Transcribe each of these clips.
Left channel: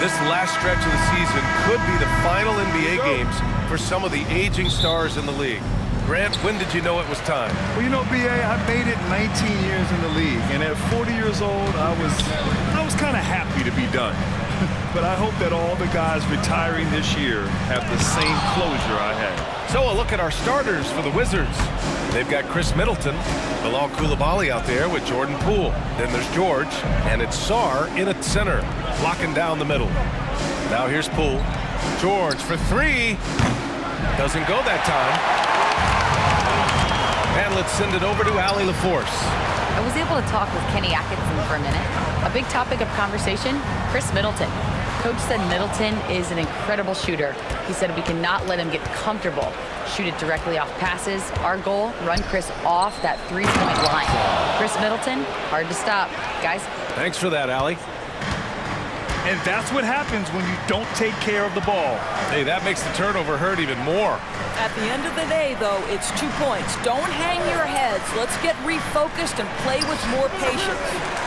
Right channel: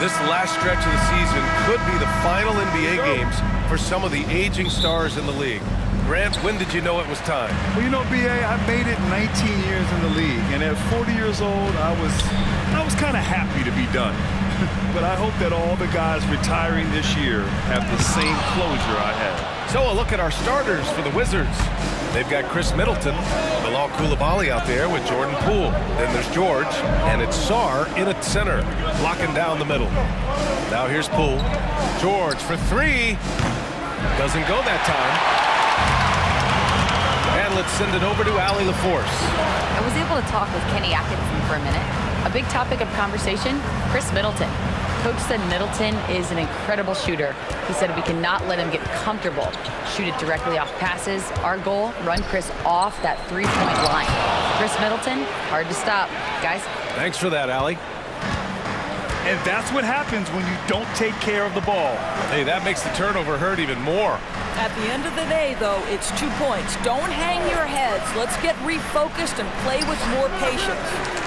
this last stretch of the season could be the final NBA games for some of the aging stars in the league. Grant, when did you know it was time? Well, you know, B.A., I made it 19 years in the league, and at 40 years old, I was kind of happy to be done. But I hope that all the guys retiring this year have the same closure I had. So a look at our starters for the Wizards. They've got Chris Middleton, Bilal Coulibaly out there with Jordan Poole. Then there's George, and it's Sarr in at center, blocking down the middle. Now here's Poole. George for three. Doesn't go that time. And let's send it over to Allie LaForce. I was able to talk with Kenny Atkinson for a minute. A big topic of conversation, Chris Middleton. Coach said Middleton is an incredible shooter. He said we cannot let him get comfortable. Shoot it directly off passes. Our goal, run Chris off that three-point line. Chris Middleton, hard to stop. Guys. Thanks for that, Allie. And that's what happens when you don't take care of the ball. Hey, that makes the turnover hurt even more. At the end of the day, though, it's 2 points. Don't hang your heads. Let's get refocused and play with more patience.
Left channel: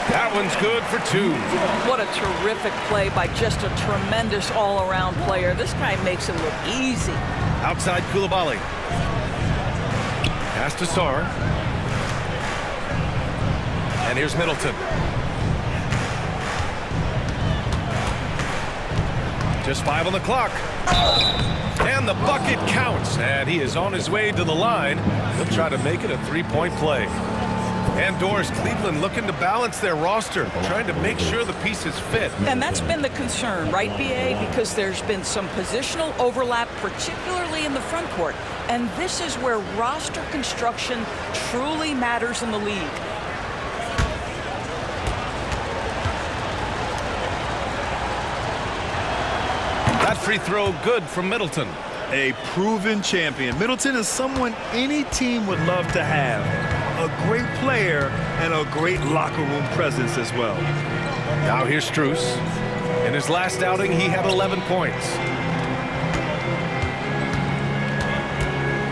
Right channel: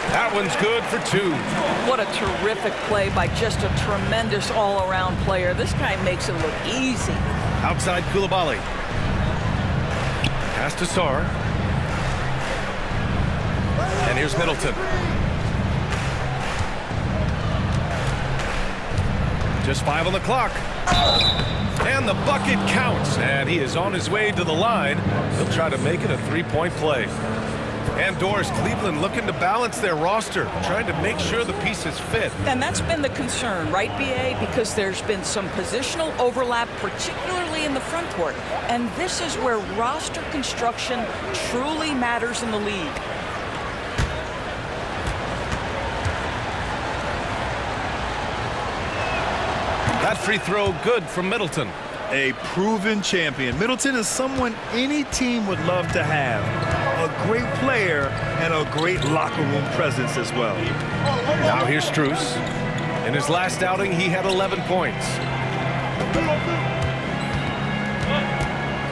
That one's good for two. What a terrific play by just a tremendous all-around player. This guy makes it look easy. Outside Coulibaly. Pass to Sarr. And here's Middleton. Just 5 on the clock. And the bucket counts. And he is on his way to the line. He'll try to make it a three-point play. And Doris, Cleveland looking to balance their roster, trying to make sure the pieces fit. And that's been the concern, right, B.A.? Because there's been some positional overlap, particularly in the front court. And this is where roster construction truly matters in the league. That free throw good from Middleton. A proven champion. Middleton is someone any team would love to have. A great player and a great locker room presence as well. Now here's Strus. In his last outing, he had 11 points.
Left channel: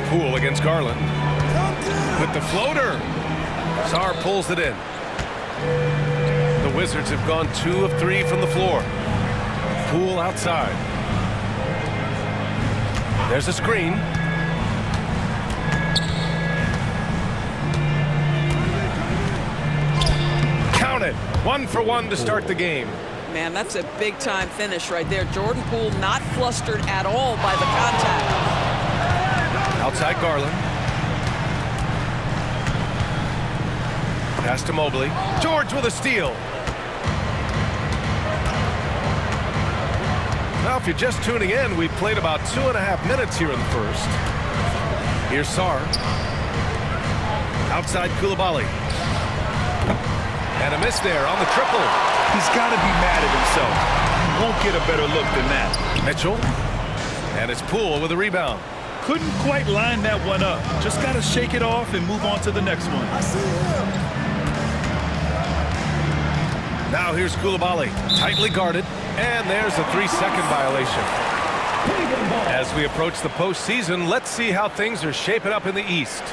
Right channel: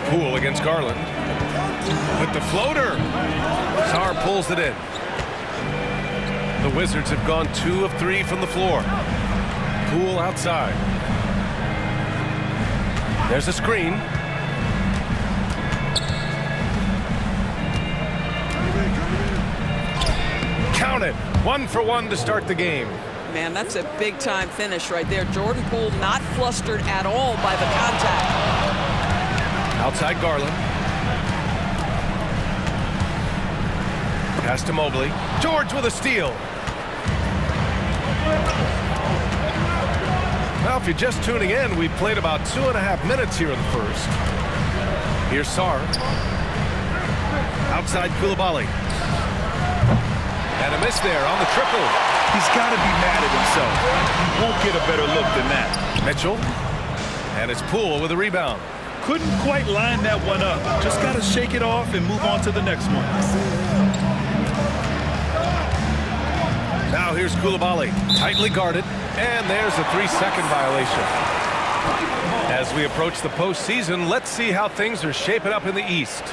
Poole against Garland. With the floater. Sarr pulls it in. The Wizards have gone 2 of 3 from the floor. Poole outside. There's a screen. Count it. 1 for 1 to start the game. Man, that's a big-time finish right there. Jordan Poole not flustered at all by the contact. Outside Garland. Pass to Mobley. George with a steal. Now, if you're just tuning in, we've played about 2.5 minutes here in the first. Here's Sarr. Outside Coulibaly. And a miss there on the triple. He's got to be mad at himself. You won't get a better look than that. Mitchell. And it's Poole with a rebound. Couldn't quite line that one up. Just got to shake it off and move on to the next one. Now here's Coulibaly. Tightly guarded. And there's a 3-second violation. As we approach the postseason, let's see how things are shaping up in the East.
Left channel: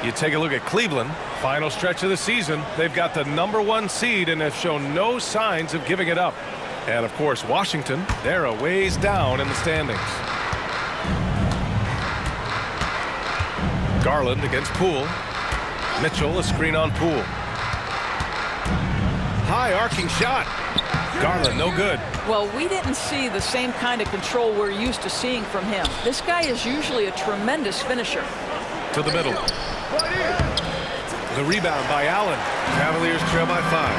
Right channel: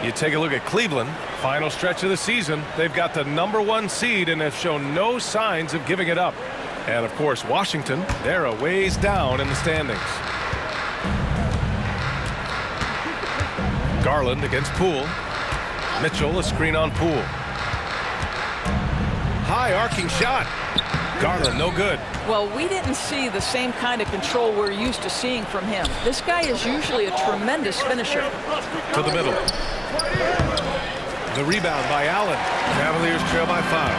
You take a look at Cleveland. Final stretch of the season. They've got the #1 seed and have shown no signs of giving it up. And, of course, Washington, they're a ways down in the standings. Garland against Poole. Mitchell, a screen on Poole. High arcing shot. Garland, no good. Well, we didn't see the same kind of control we're used to seeing from him. This guy is usually a tremendous finisher. To the middle. The rebound by Allen. Cavaliers trail by 5.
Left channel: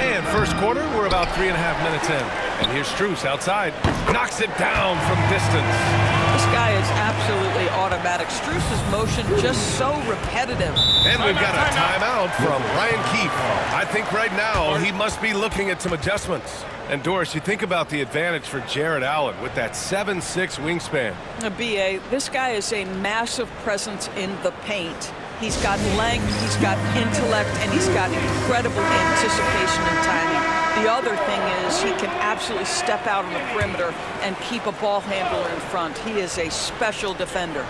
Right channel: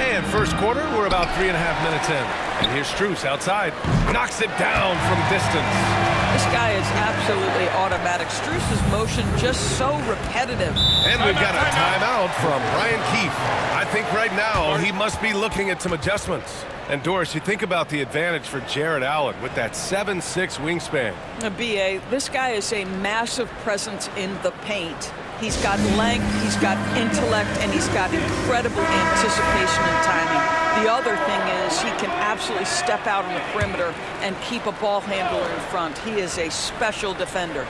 And first quarter, we're about 3.5 minutes in. And here's Strus outside. Knocks it down from distance. This guy is absolutely automatic. Strus's motion just so repetitive. And we've got a timeout from Brian Keefe. I think right now he must be looking at some adjustments. And Doris, you think about the advantage for Jarrett Allen with that 7'6" wingspan. B.A., this guy is a massive presence in the paint. He's got length, he's got intellect, and he's got incredible anticipation and timing. The other thing is he can absolutely step out on the perimeter and keep a ball handler in front. He is a special defender.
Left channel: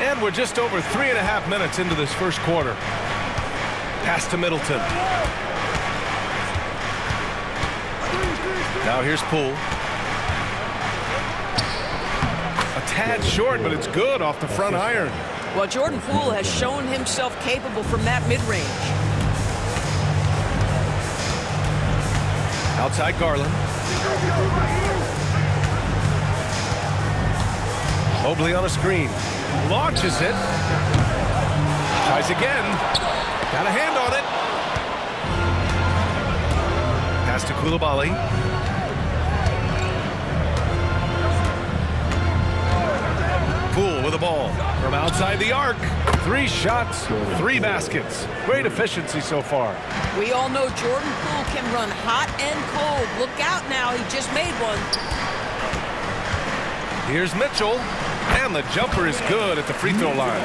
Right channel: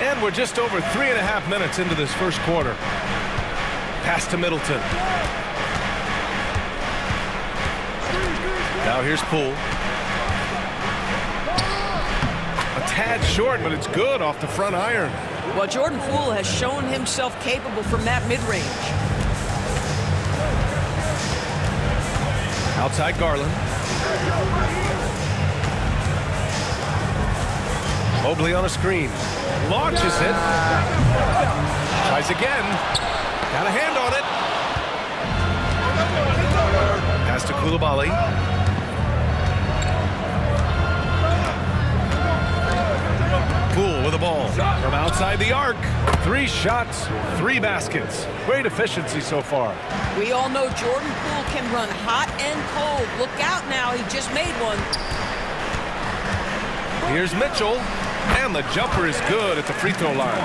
And we're just over 3.5 minutes into this first quarter. Pass to Middleton. Now here's Poole. A tad short, but it's good off the front iron. Well, Jordan Poole has shown himself capable from that mid-range. Outside Garland. Mobley on a screen. Launches it. Tries again. Got a hand on it. Pass to Coulibaly. Poole with the ball from outside the arc. 3 shots, 3 baskets. Great efficiency so far. We all know Jordan Poole can run hot and cold. Look out now, he just made one. Here's Mitchell, and the jumper is good at the free throw line.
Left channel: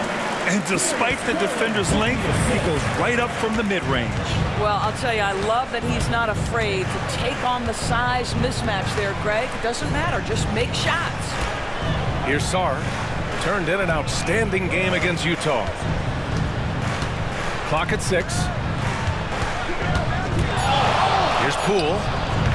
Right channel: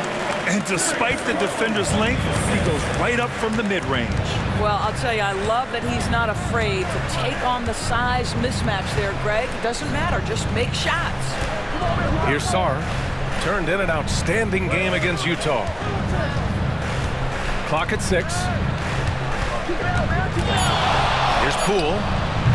And despite the defender's length, he goes right up from the mid-range. Well, I'll tell you, I love that he's not afraid to take on the size mismatch there, Greg. It doesn't matter, just make shots. Here's Sarr. Turned in an outstanding game against Utah. Clock at 6. Here's Poole.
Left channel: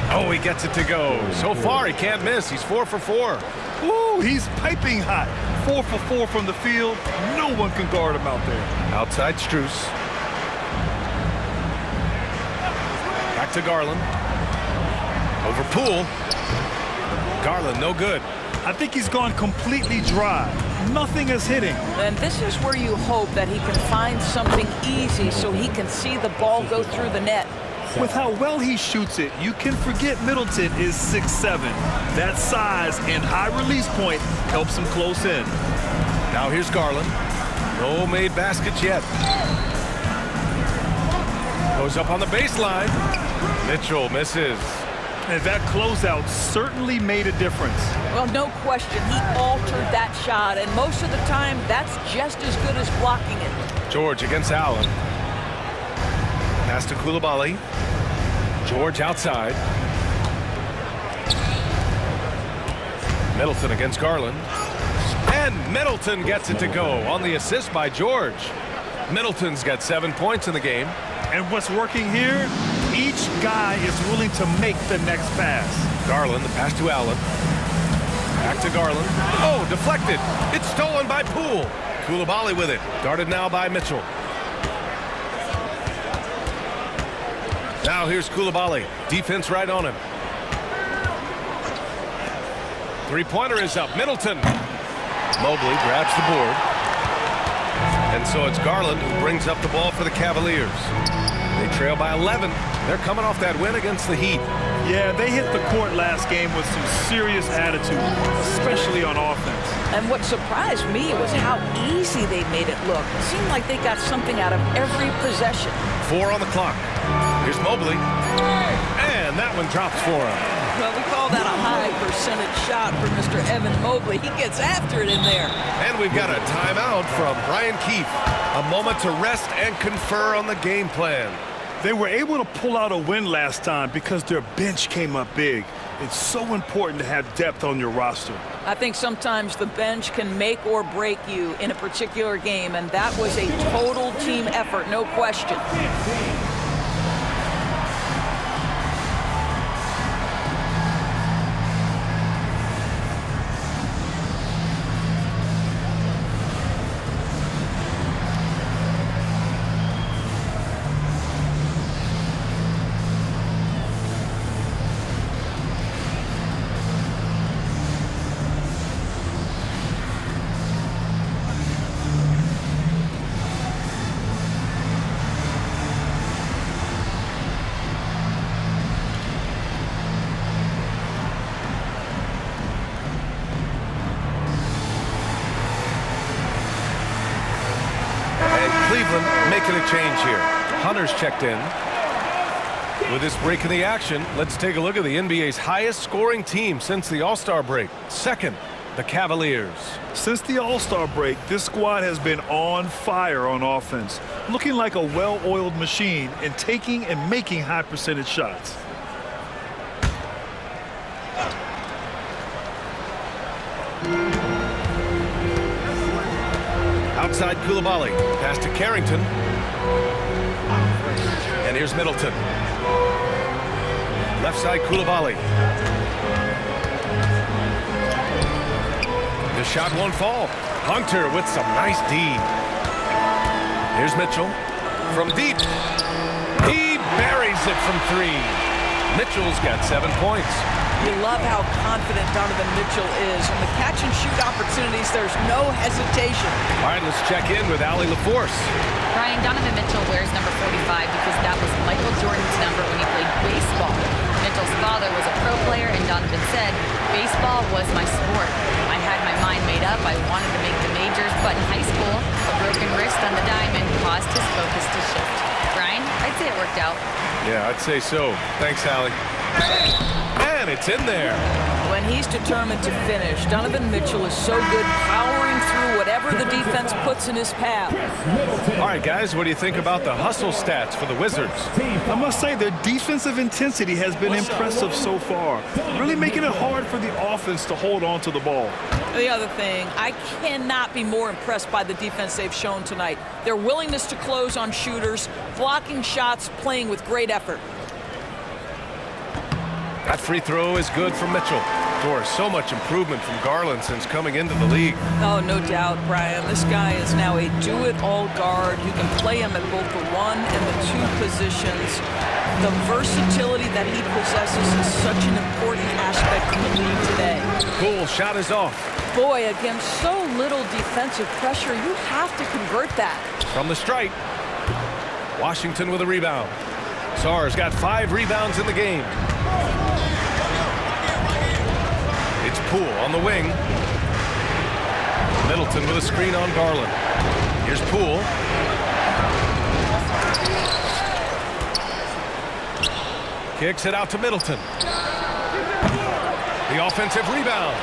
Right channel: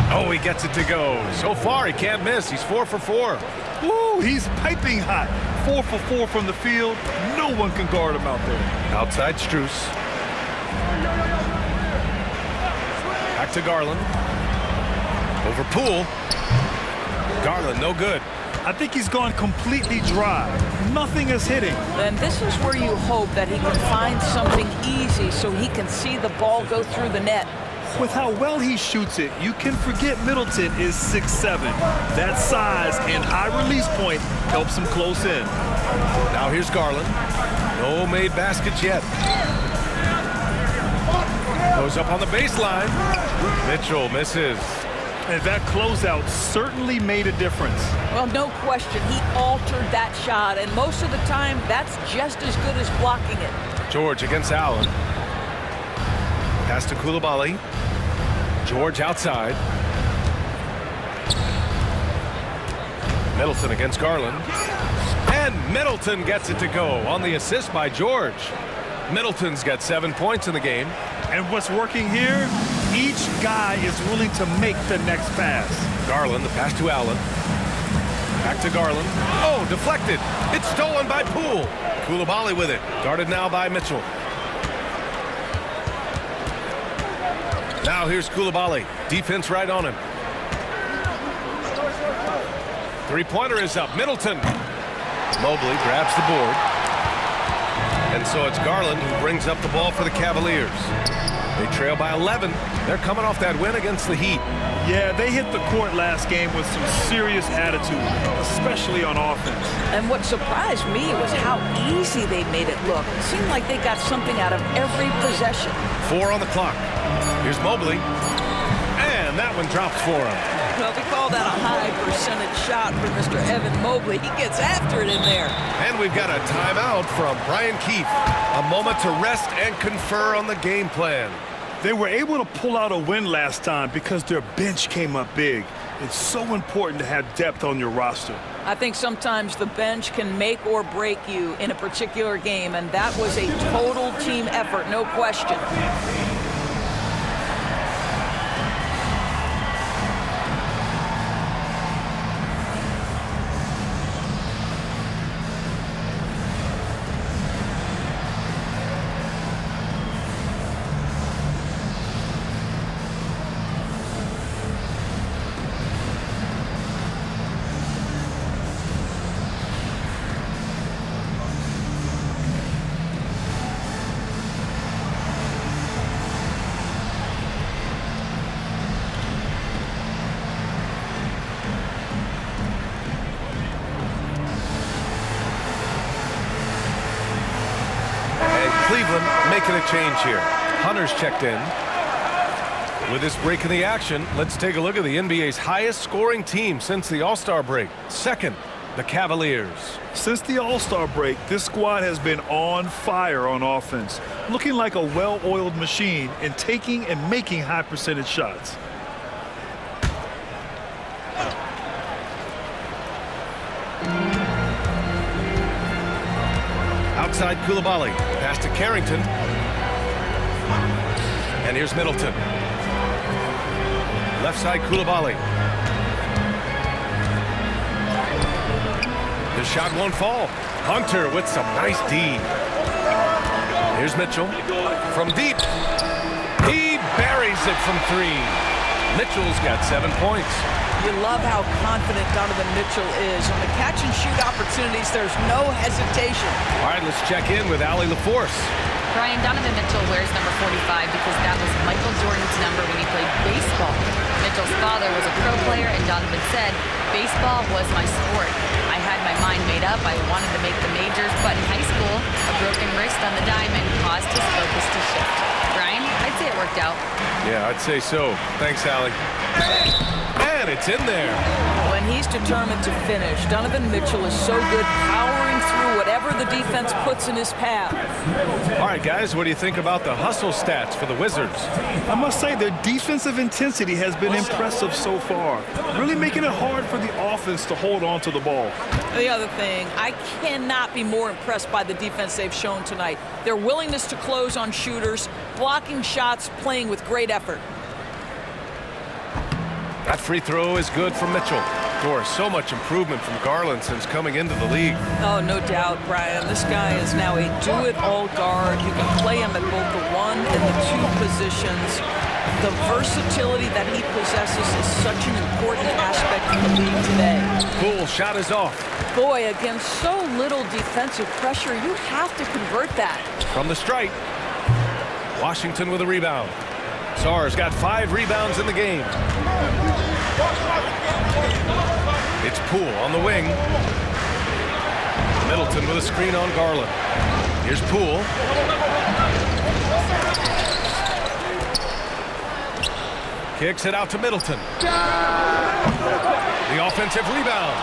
Oh, he gets it to go. So far, he can't miss. He's 4 for 4. Woo, he's piping hot. 4 for 4 from the field. No one can guard him out there. Outside Strus. Back to Garland. Over Poole. Garland, no good. I think he's gone completely dry. Nothing is hitting. And this is where you hope that he can find something easy so he can see the ball go through the net. With how well he shoots it, you can forget Middleton is 6'7". That size and high release point helps him close in. Now here's Garland. No made baskets yet. Goes up on the baseline. Mitchell misses. And that closeout certainly made a difference. Well, no question, he altered that shot, and most of the time, that's just as good as blocking it. George against Allen. Pass to Coulibaly. George outside. Middleton against Garland. And Middleton gets it to go on the assist by George. Middleton's got 7 points in the game. And what's working here? Each guy is willing to make the next pass. Garland, the pass to Allen. Back to Garland. Oh, deflected. It's stolen by Poole. Coulibaly with it. Guarded now by Mitchell. Now here's Coulibaly. Defense right on him. 3-pointer is up. Middleton. Mobley grabs the board. And so it's Garland who brings up the ball for the Cavaliers. They trail by 11. They're coming off that win against the Heat. Yeah, they hit the court last game with some serious attitude, especially on offense. And what surprised me was how easy they made it look. It seemed like they got something out of every possession. 4 on the clock. Here's Mobley. And that one drops for him. Well, we call that a high percentage shot for Mr. Evan Mobley. He gets after it in there. And we've got a timeout from Brian Keefe. A moment to rest and confer on the game plan. They were able to pull out a win last time because their bench came up big. It's so important to have depth on your roster. I think sometimes the bench can make or break you in a particular game, and that was a total team effort, no question. Cleveland making a change here. Hunter's checked in. With this break in the action, let's take a look at the NBA's highest scoring team since the All-Star break. Second, the Cavaliers. Since the All-Star break, this squad has been on fire on offense, looking like a well-oiled machine and taking and making high percentage shots. Outside Coulibaly. Pass to Carrington. And here's Middleton. Left side, Koulibaly. The shot won't fall. Hunter with some nice D. Here's Mitchell. From deep. He buries it from 3. Mitchell's got 7 points. You love how confident Donovan Mitchell is. On the catch and shoot opportunities, there's no hesitation. All right, let's check in with Allie LaForce. Brian, Donovan Mitchell wears number 45 because that was Michael Jordan's number when he played baseball. Mitchell's father was a pro player, and Donovan said, "Baseball was my sport. I had my mind made up. I wanted to make the majors, but in high school, a broken wrist on the diamond caused his focus to shift." Brian, I'd say it worked out. Yeah, I'd say so. Thanks, Allie. And it's in there. When he's determined to finish, Donovan Mitchell is so good powering through whatever the defense puts in his path. All right, guys, what do you think about the hustle stats for the Wizards? I must say their defensive intensity has been impressive so far, really making it hard for the offense to hold on to the ball. The other thing, I cannot be more impressed by the defense they've shown tonight. Their willingness to close on shooters, blocking shots, playing with great effort. That free throw is good for Mitchell. Doris, so much improvement from Garland since coming into the league. Oh, no doubt, Brian. This guy is now a do-it-all guard. You can play him at both the 1 and the 2 positions. The versatility that he possesses is such an important aspect in the league today. Poole shot is off. Boy, against so little defensive pressure, you have to convert that. From the stripe. Washington with a rebound. Sarr's got 5 rebounds in the game. It's Poole on the wing. Middleton with a screen on Garland. Here's Poole. Kicks it out to Middleton. The offensive rebound.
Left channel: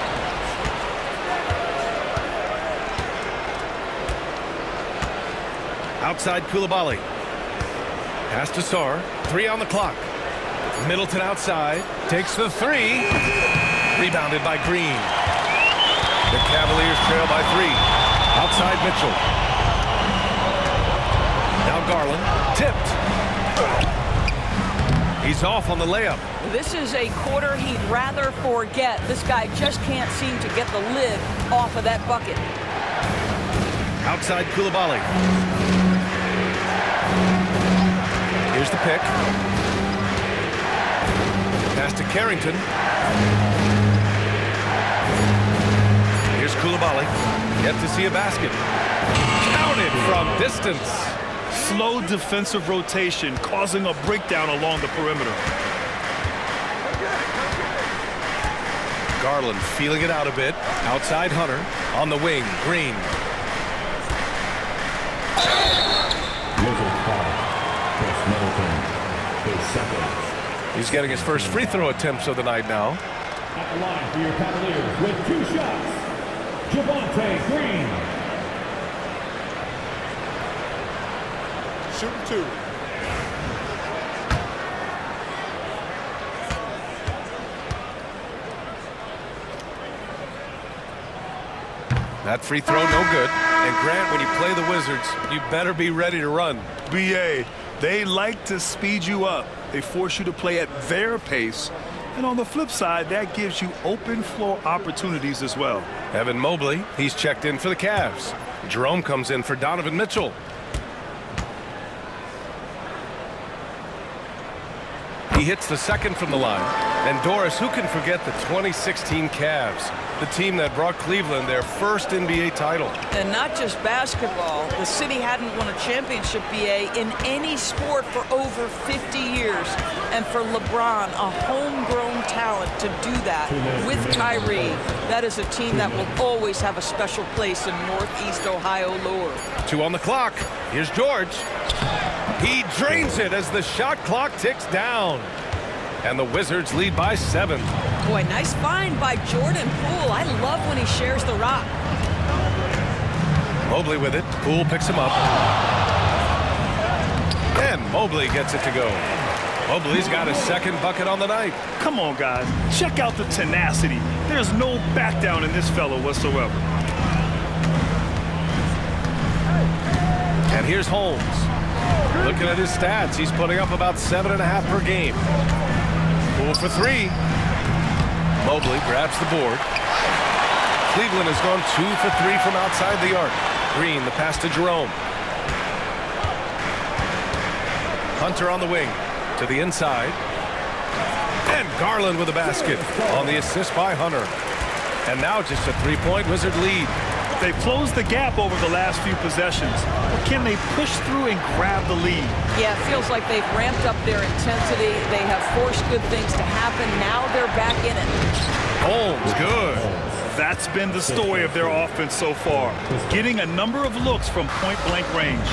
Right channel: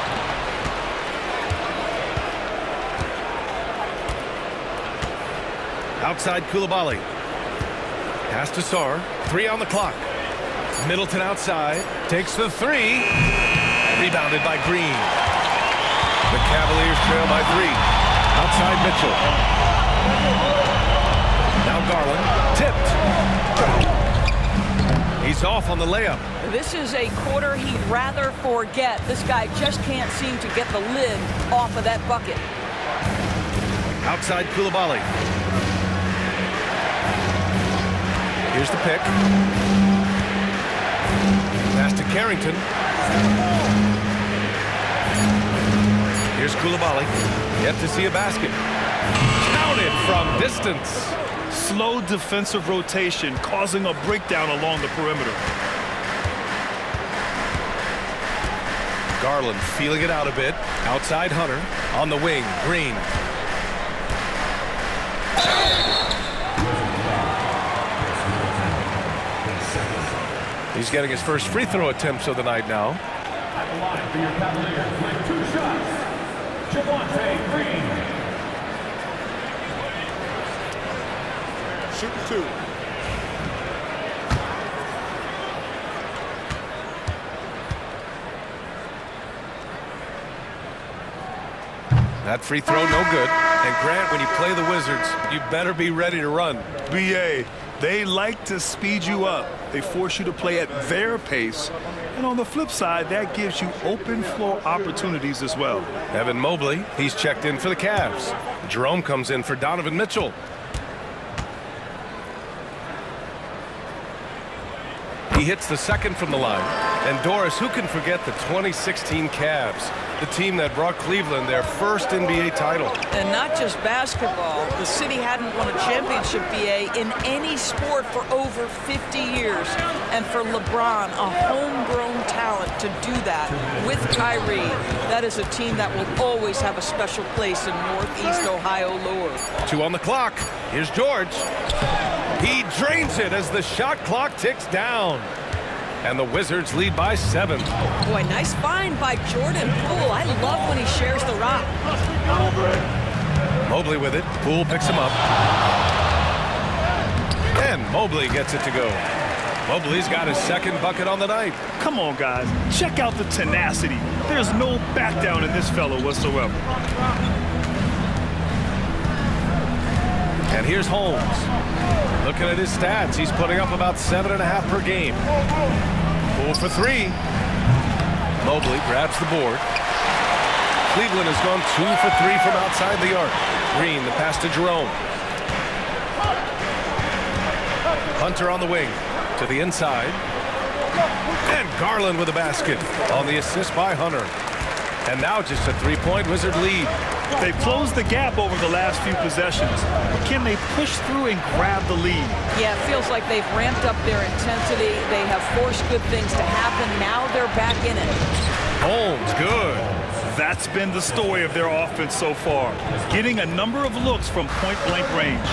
Outside Koulibaly. Pass to Sarr. 3 on the clock. Middleton outside. Takes the 3. Rebounded by Green. The Cavaliers trail by 3. Outside Mitchell. Now Garland. Tipped. He's off on the layup. This is a quarter he'd rather forget. This guy just can't seem to get the lid off of that bucket. Outside Koulibaly. Here's the pick. Pass to Carrington. Here's Koulibaly. Yet to see a basket. Counted from distance. Slow defensive rotation causing a breakdown along the perimeter. Garland feeling it out a bit. Outside Hunter. On the wing, Green. He's getting his first free throw attempts of the night now. At the line for your Cavaliers with 2 shots, Javonte Green. Shooting 2. That free throw, no good. And Grant, when you play the Wizards, you better be ready to run. BA, they like to speed you up. They force you to play at their pace. And on the flip side, that gives you open floor opportunities as well. Evan Mobley, he's checked in for the Cavs. Jerome comes in for Donovan Mitchell. He hits the second from the line. And Doris, who can forget the 2016 Cavs, the team that brought Cleveland their first NBA title? And not just basketball. The city hadn't won a championship, BA, in any sport for over 50 years. And for LeBron, a homegrown talent, to do that with Kyrie, that is a team that will always have a special place in Northeast Ohio lore. 2 on the clock. Here's George. He drains it as the shot clock ticks down. And the Wizards lead by 7. Boy, nice find by Jordan Poole. I love when he shares the rock. Mobley with it. Poole picks him up. And Mobley gets it to go. Mobley's got his second bucket on the night. Come on, guys. Check out the tenacity. There's no back down in this fellow whatsoever. And here's Holmes. Looking at his stats, he's putting up about 7.5 per game. 4 for 3. Mobley grabs the board. Cleveland has gone 2 for 3 from outside the arc. Green, the pass to Jerome. Hunter on the wing to the inside. And Garland with a basket on the assist by Hunter. And now just a 3-point Wizard lead. They've closed the gap over the last few possessions. But can they push through and grab the lead? Yeah, it feels like they've ramped up their intensity. They have forced good things to happen. Now they're back in it. Holmes, good. That's been the story of their offense so far. Getting a number of looks from point-blank range.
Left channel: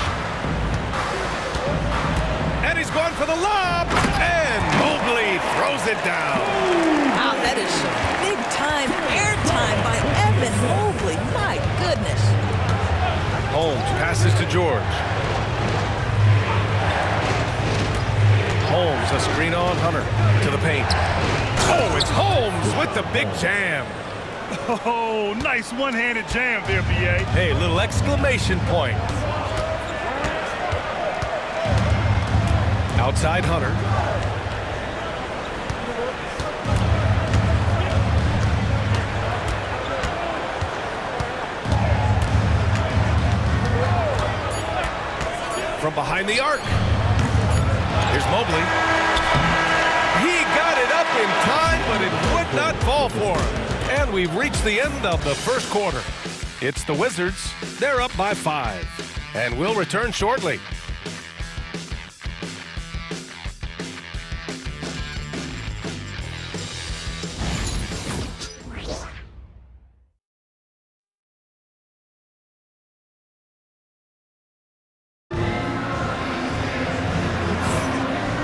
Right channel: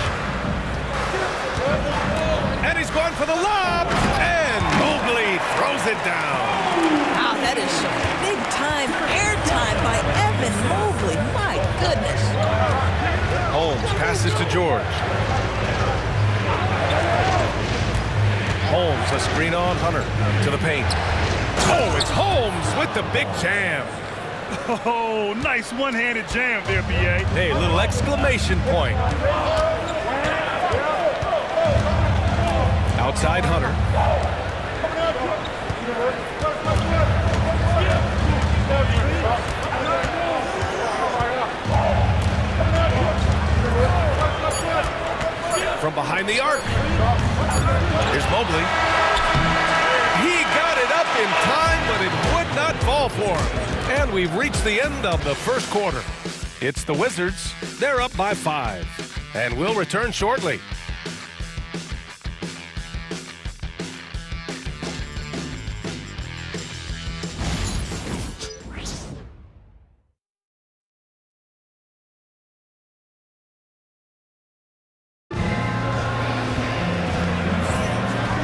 And he's going for the lob. And Mobley throws it down. Wow, that is some big-time airtime by Evan Mobley. My goodness. Holmes passes to George. Holmes, a screen on Hunter to the paint. Oh, it's Holmes with the big jam. Oh, nice one-handed jam there, B.A. Hey, little exclamation point. Outside Hunter. From behind the arc. Here's Mobley. He got it up in time, but it would not fall for him. And we've reached the end of the first quarter. It's the Wizards. They're up by 5. And we'll return shortly.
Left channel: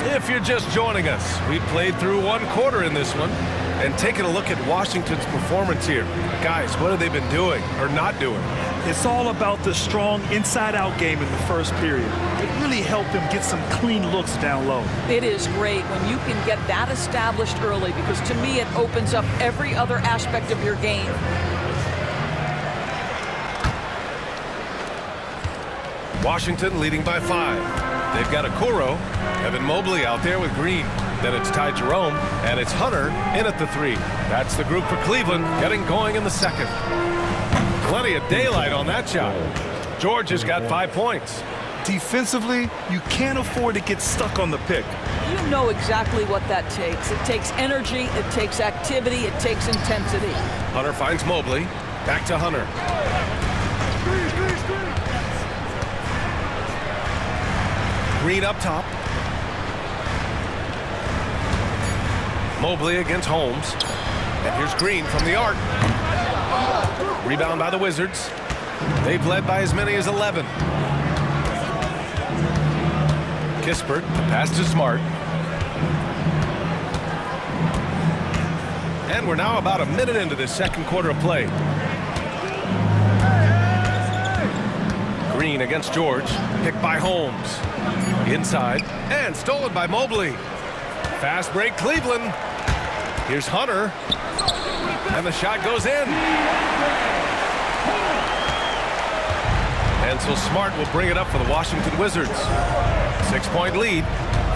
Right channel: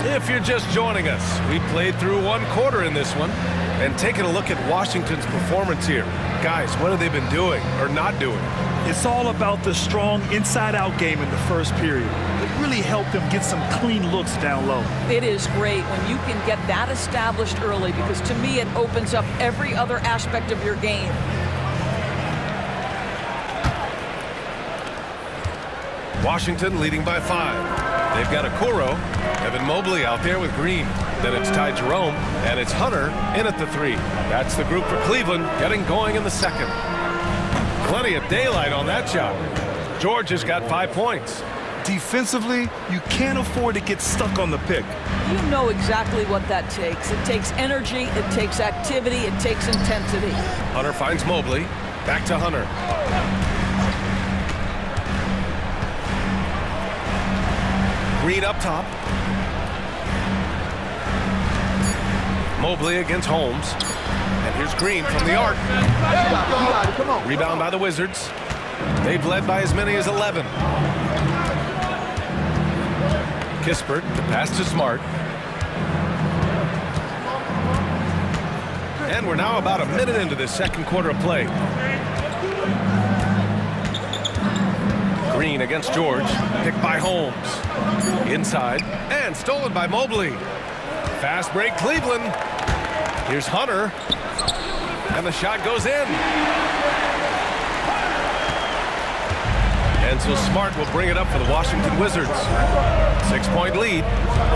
If you're just joining us, we played through 1 quarter in this one. And taking a look at Washington's performance here. Guys, what have they been doing or not doing? It's all about the strong inside-out game in the first period. It really helped them get some clean looks down low. It is great when you can get that established early, because to me it opens up every other aspect of your game. Washington leading by 5. They've got Okoro, Evan Mobley out there with Green. Then it's Ty Jerome, and it's Hunter in at the 3. That's the group for Cleveland getting going in the second. Plenty of daylight on that shot. George has got 5 points. Defensively, you can't afford to get stuck on the pick. You know exactly what that takes. It takes energy, it takes activity, it takes intensity. Hunter finds Mobley. Back to Hunter. Green up top. Mobley against Holmes. And here's Green from the arc. Rebound by the Wizards. They've led by as many as 11. Kispert, the pass to Smart. And we're now about a minute into this second quarter of play. Green against George. Picked by Holmes. Inside. And stolen by Mobley. Fast break Cleveland. Here's Hunter. And the shot goes in. And so Smart will bring it up for the Washington Wizards. 6-point lead.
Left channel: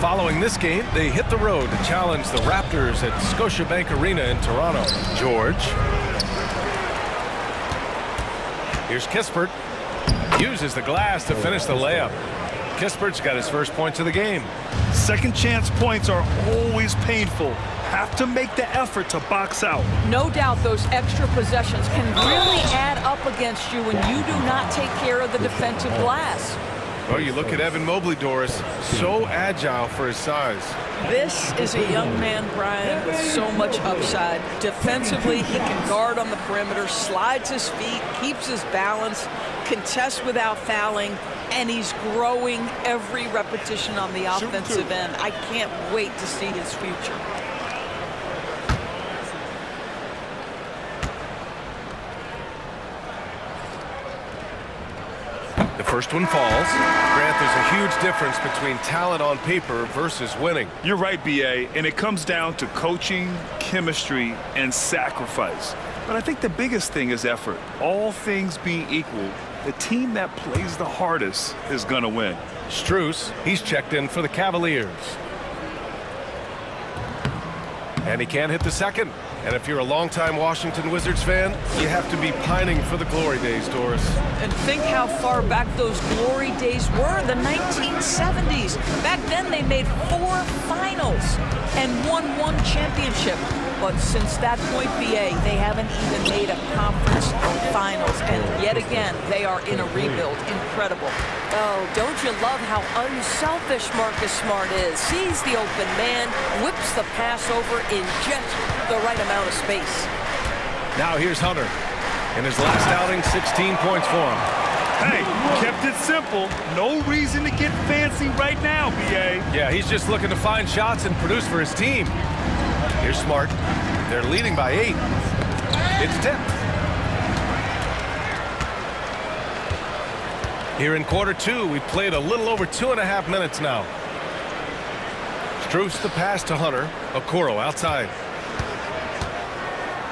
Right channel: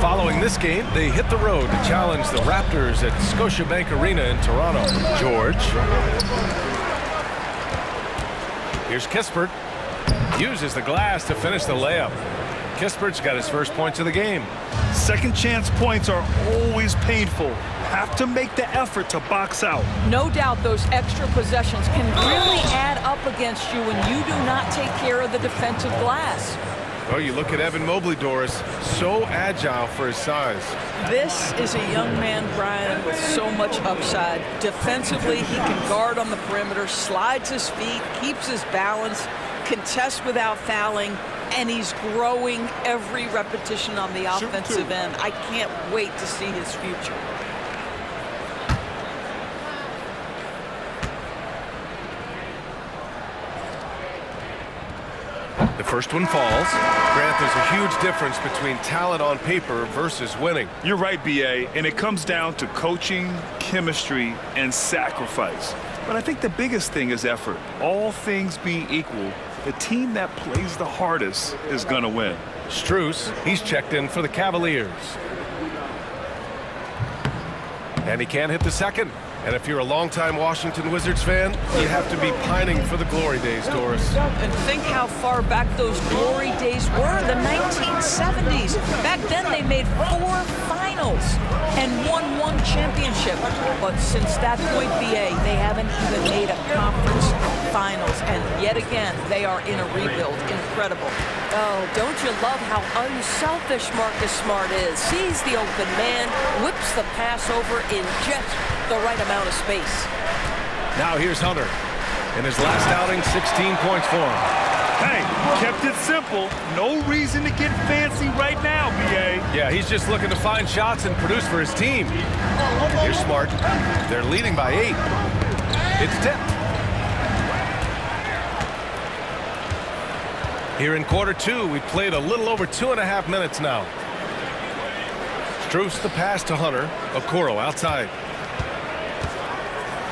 Following this game, they hit the road to challenge the Raptors at Scotiabank Arena in Toronto. George. Here's Kispert. Uses the glass to finish the layup. Kispert's got his first points of the game. Second chance points are always painful. Have to make the effort to box out. No doubt those extra possessions can really add up against you when you do not take care of the defensive glass. Well, you look at Evan Mobley, Doris, so agile for his size. This is a young man, Brian, with so much upside. Defensively, he can guard on the perimeter, slides his feet, keeps his balance, contests without fouling, and he's growing every repetition on the offensive end. I can't wait to see his future. The first one falls. Grant, there's a huge difference between talent on paper versus winning. You're right, B.A., and it comes down to coaching, chemistry, and sacrifice. But I think the biggest thing is effort. All things being equal, the team that plays the hardest is going to win. Strus, he's checked in for the Cavaliers. And he can't hit the second. And if you're a longtime Washington Wizards fan, you have to be pining for the glory days, Doris. And think how far back those glory days were, the 1970s. Back then they made 4 finals and won 1 championship. But since that point, BA, they haven't even made a conference finals. And yet again, they are in a rebuild. Incredible. Oh, don't you love how unselfish Marcus Smart is? Sees the open man, whips the pass over in just the right amount of space. Now here's Hunter. In his last outing, 16 points for him. Hey, kept it simple. No reason to get fancy right now, BA. Yeah, he's just looking to find shots and produce for his team. Here's Smart. They're leading by 8. It's tipped. Here in quarter 2, we played a little over 2.5 minutes now. Strus the pass to Hunter. Okoro outside.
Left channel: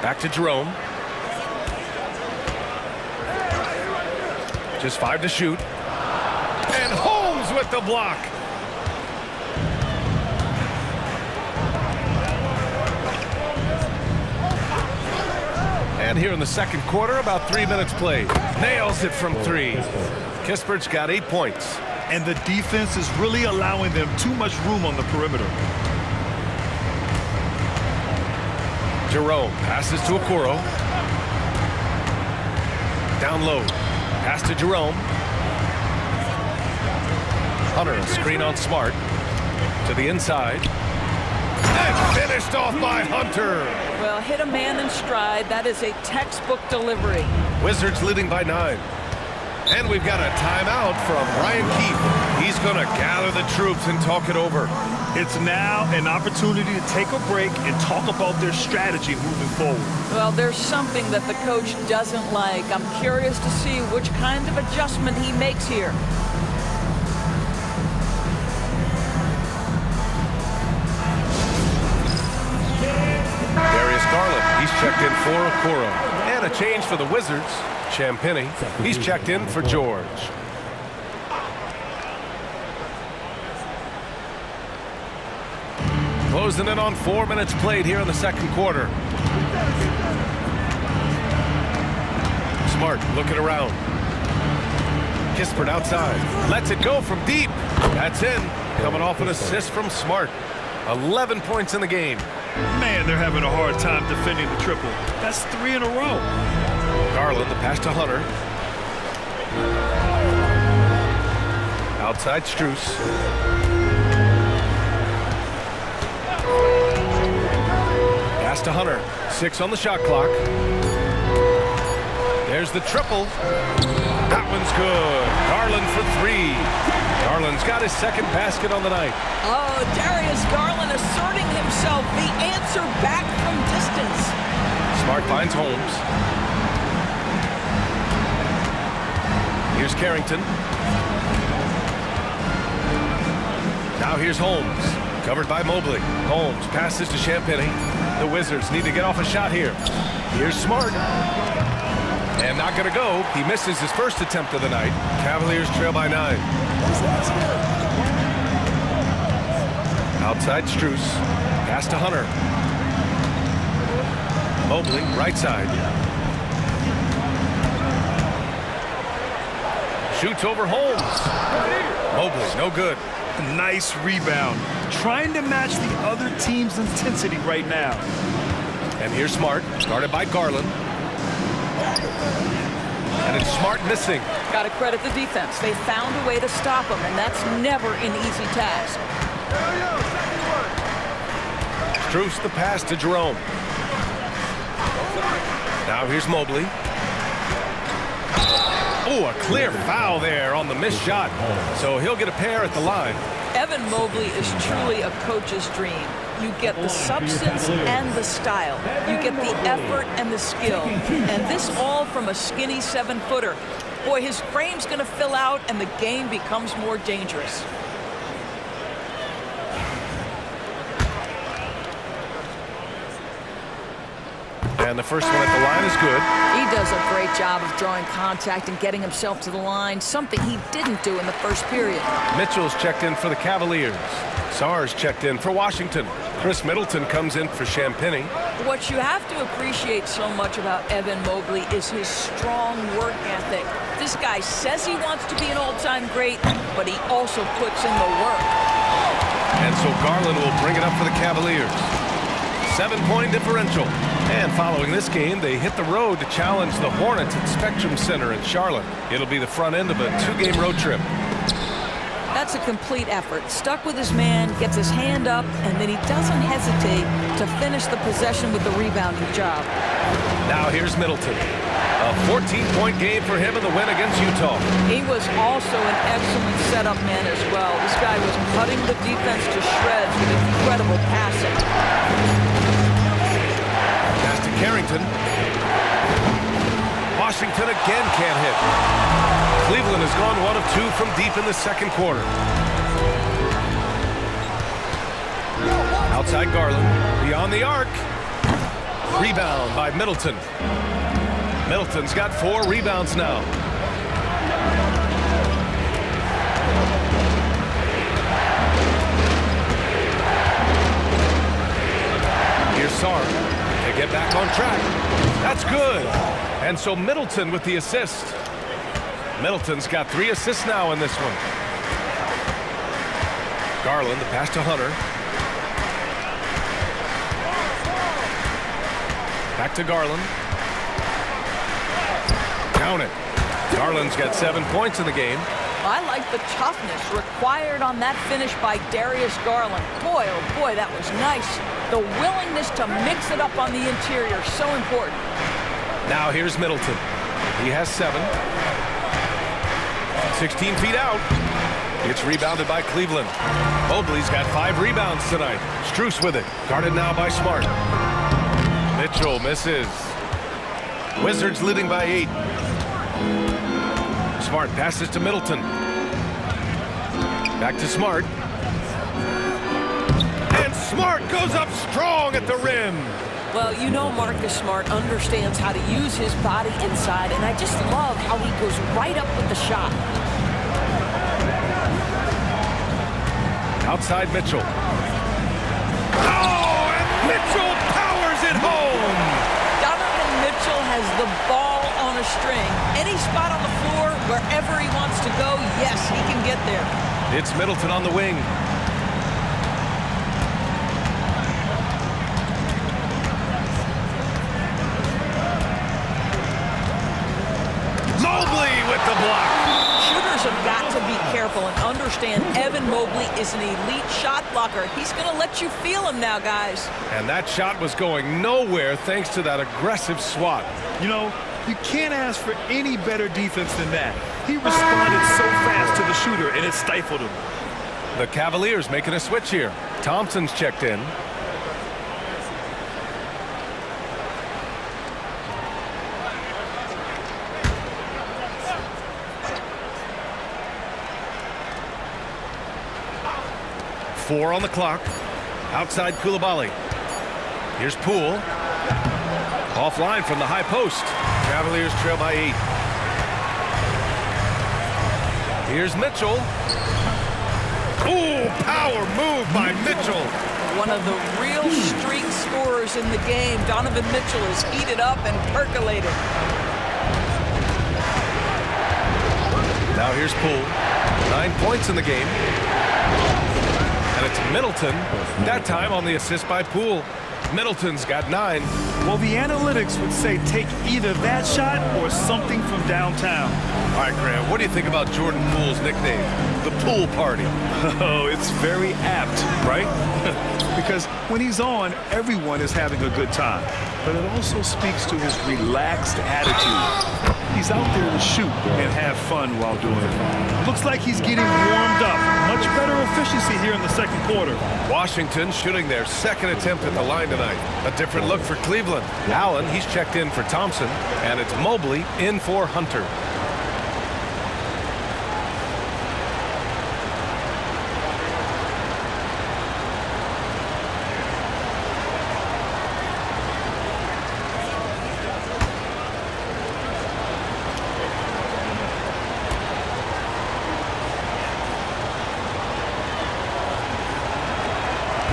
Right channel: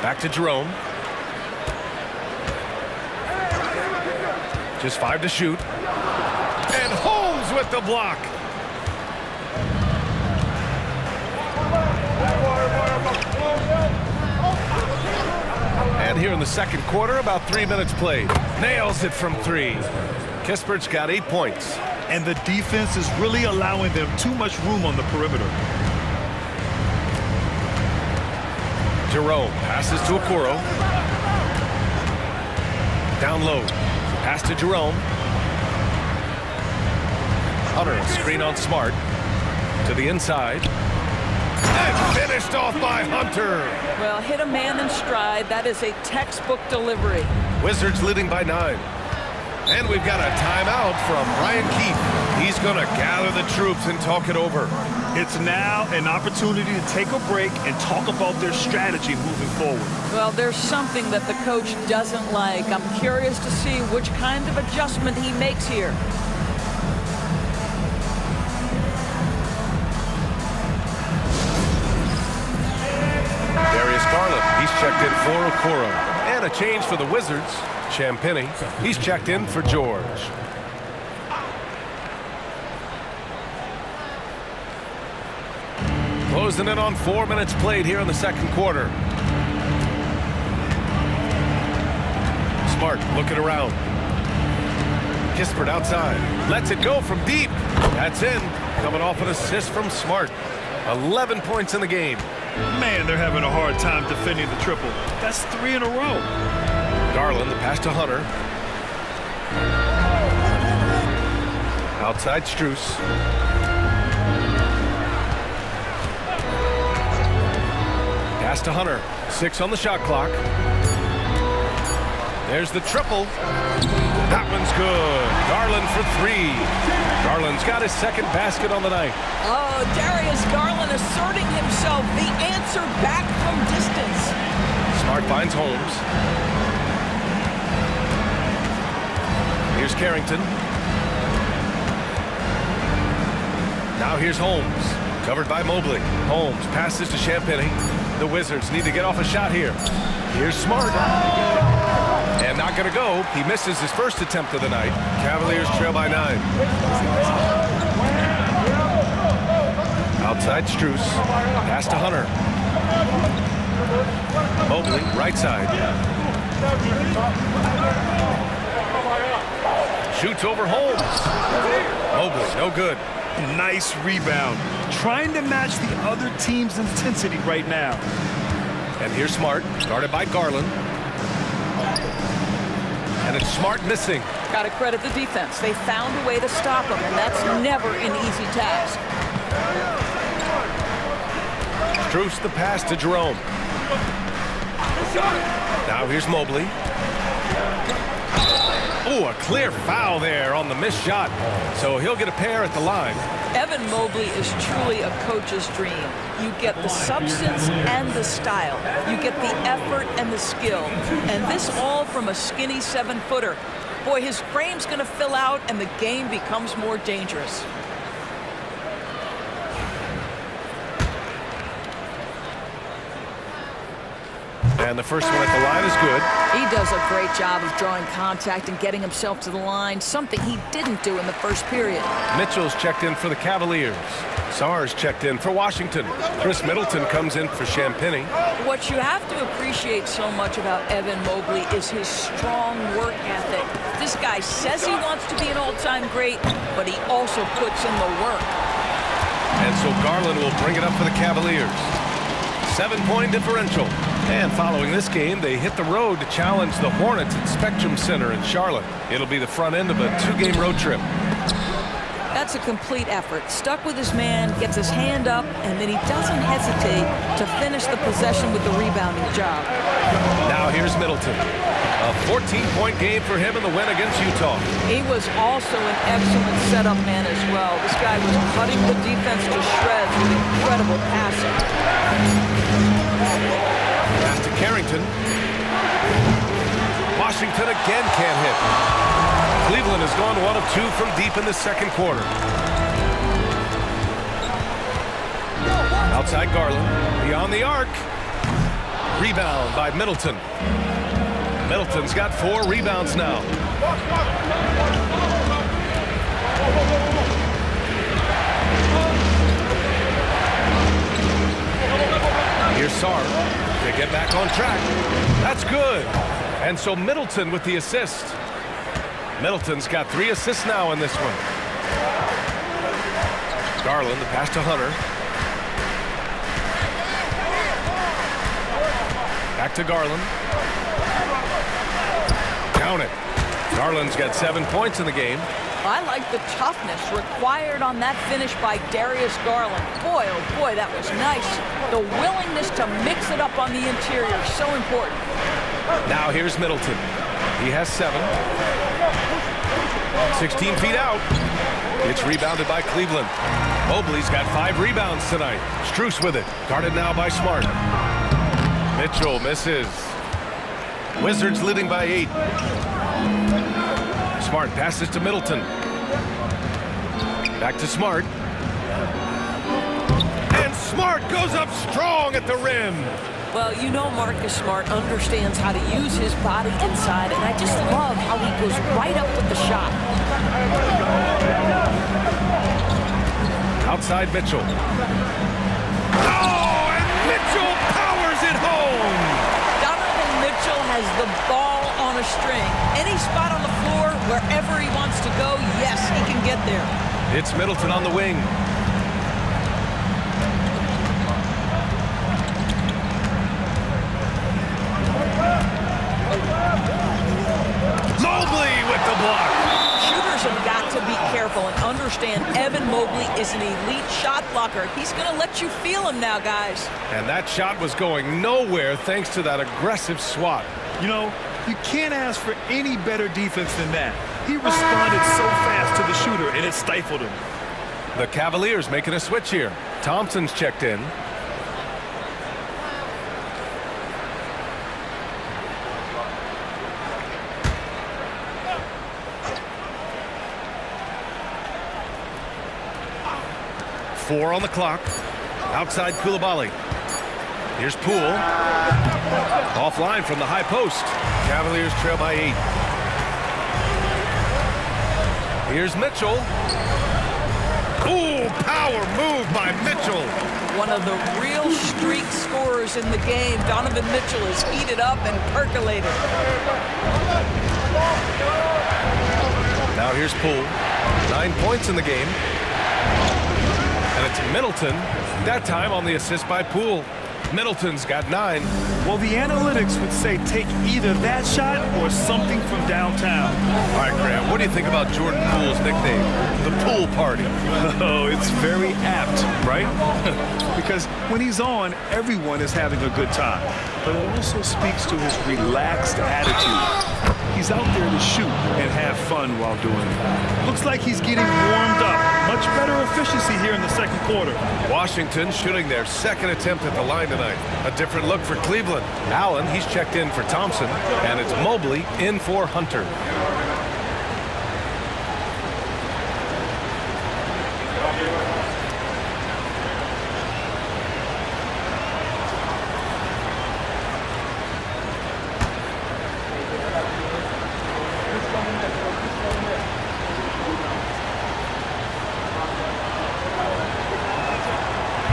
Back to Jerome. Just 5 to shoot. And Holmes with the block. And here in the second quarter, about 3 minutes played. Nails it from 3. Kispert's got 8 points. And the defense is really allowing them too much room on the perimeter. Jerome passes to Okoro. Down low. Pass to Jerome. Hunter, a screen on Smart. To the inside. And finished off by Hunter. Well, hit a man in stride. That is a textbook delivery. Wizards leading by 9. And we've got a timeout from Brian Keefe. He's going to gather the troops and talk it over. It's now an opportunity to take a break and talk about their strategy moving forward. Well, there's something that the coach doesn't like. I'm curious to see which kind of adjustment he makes here. Darius Garland, he's checked in for Okoro. And a change for the Wizards. Champagny, he's checked in for George. Closing in on 4 minutes played here in the second quarter. Smart looking around. Kispert outside. Lets it go from deep. That's in. Coming off an assist from Smart. 11 points in the game. Man, they're having a hard time defending the triple. That's 3 in a row. Garland, the pass to Hunter. Outside Strus. Pass to Hunter. 6 on the shot clock. There's the triple. That one's good. Garland for 3. Garland's got his second basket on the night. Oh, Darius Garland asserting himself. The answer back from distance. Smart finds Holmes. Here's Carrington. Now here's Holmes. Covered by Mobley. Holmes passes to Champagny. The Wizards need to get off a shot here. Here's Smart. And not going to go. He misses his first attempt of the night. Cavaliers trail by 9. Outside Strus. Pass to Hunter. Mobley, right side. Shoots over Holmes. Mobley, no good. Nice rebound. Trying to match the other team's intensity right now. And here's Smart, guarded by Garland. And it's Smart missing. Got to credit the defense. They found a way to stop him, and that's never an easy task. Strus the pass to Jerome. Now here's Mobley. Oh, a clear foul there on the missed shot. So he'll get a pair at the line. Evan Mobley is truly a coach's dream. You get the substance and the style. You get the effort and the skill. And this all from a skinny 7-footer. Boy, his frame's going to fill out and the game becomes more dangerous. And the first one at the line is good. He does a great job of drawing contact and getting himself to the line, something he didn't do in the first period. Mitchell's checked in for the Cavaliers. Sarr's checked in for Washington. Chris Middleton comes in for Champagny. What you have to appreciate so much about Evan Mobley is his strong work ethic. This guy says he wants to be an all-time great, but he also puts in the work. And so Garland will bring it up for the Cavaliers. 7-point differential. And following this game, they hit the road to challenge the Hornets at Spectrum Center in Charlotte. It'll be the front end of a 2-game road trip. That's a complete effort. Stuck with his man, gets his hand up, and then he doesn't hesitate to finish the possession with the rebounding job. Now here's Middleton. A 14-point game for him in the win against Utah. He was also an excellent setup man as well. This guy was cutting the defense to shreds with incredible passing. Pass to Carrington. Washington again can't hit. Cleveland has gone 1 of 2 from deep in the second quarter. Outside Garland. Beyond the arc. Rebound by Middleton. Middleton's got 4 rebounds now. Here's Sarr to get back on track. That's good. And so Middleton with the assist. Middleton's got 3 assists now in this one. Garland, the pass to Hunter. Back to Garland. Count it. Garland's got 7 points in the game. I like the toughness required on that finish by Darius Garland. Boy, oh boy, that was nice. The willingness to mix it up on the interior, so important. Now here's Middleton. He has 7. 16 feet out. It's rebounded by Cleveland. Mobley's got 5 rebounds tonight. Strus with it. Guarded now by Smart. Mitchell misses. Wizards leading by 8. Smart passes to Middleton. Back to Smart. And Smart goes up strong at the rim. Well, you know Marcus Smart understands how to use his body inside, and I just love how he goes right up with the shot. Outside Mitchell. Oh, and Mitchell powers it home. Donovan Mitchell has the ball on a string. Any spot on the floor, wherever he wants to go, yes, he can get there. It's Middleton on the wing. Mobley with the block. Shooters have got to be careful and understand Evan Mobley is an elite shot blocker. He's going to let you feel him now, guys. And that shot was going nowhere thanks to that aggressive swat. You know, you can't ask for any better defense than that. He responded so fast to the shooter, and it stifled him. The Cavaliers making a switch here. Thompson's checked in. Four on the clock. Outside Koulibaly. Here's Poole. Offline from the high post. Cavaliers trail by 8. Here's Mitchell. Ooh, power move by Mitchell. One of the real streak scorers in the game. Donovan Mitchell is heated up and percolated. Now here's Poole. 9 points in the game. And it's Middleton, that time on the assist by Poole. Middleton's got 9. Well, the analytics would say take either that shot or something from downtown. All right, Grant, what do you think about Jordan Poole's nickname, the Pool Party? Oh, it's very apt, right? Because when he's on, everyone is having a good time. But it also speaks to his relaxed attitude. He's out there to shoot and have fun while doing it. Looks like he's getting warmed up. Much better efficiency here in the second quarter. Washington shooting their second attempt at the line tonight. A different look for Cleveland. Allen, he's checked in for Thompson. And it's Mobley in for Hunter.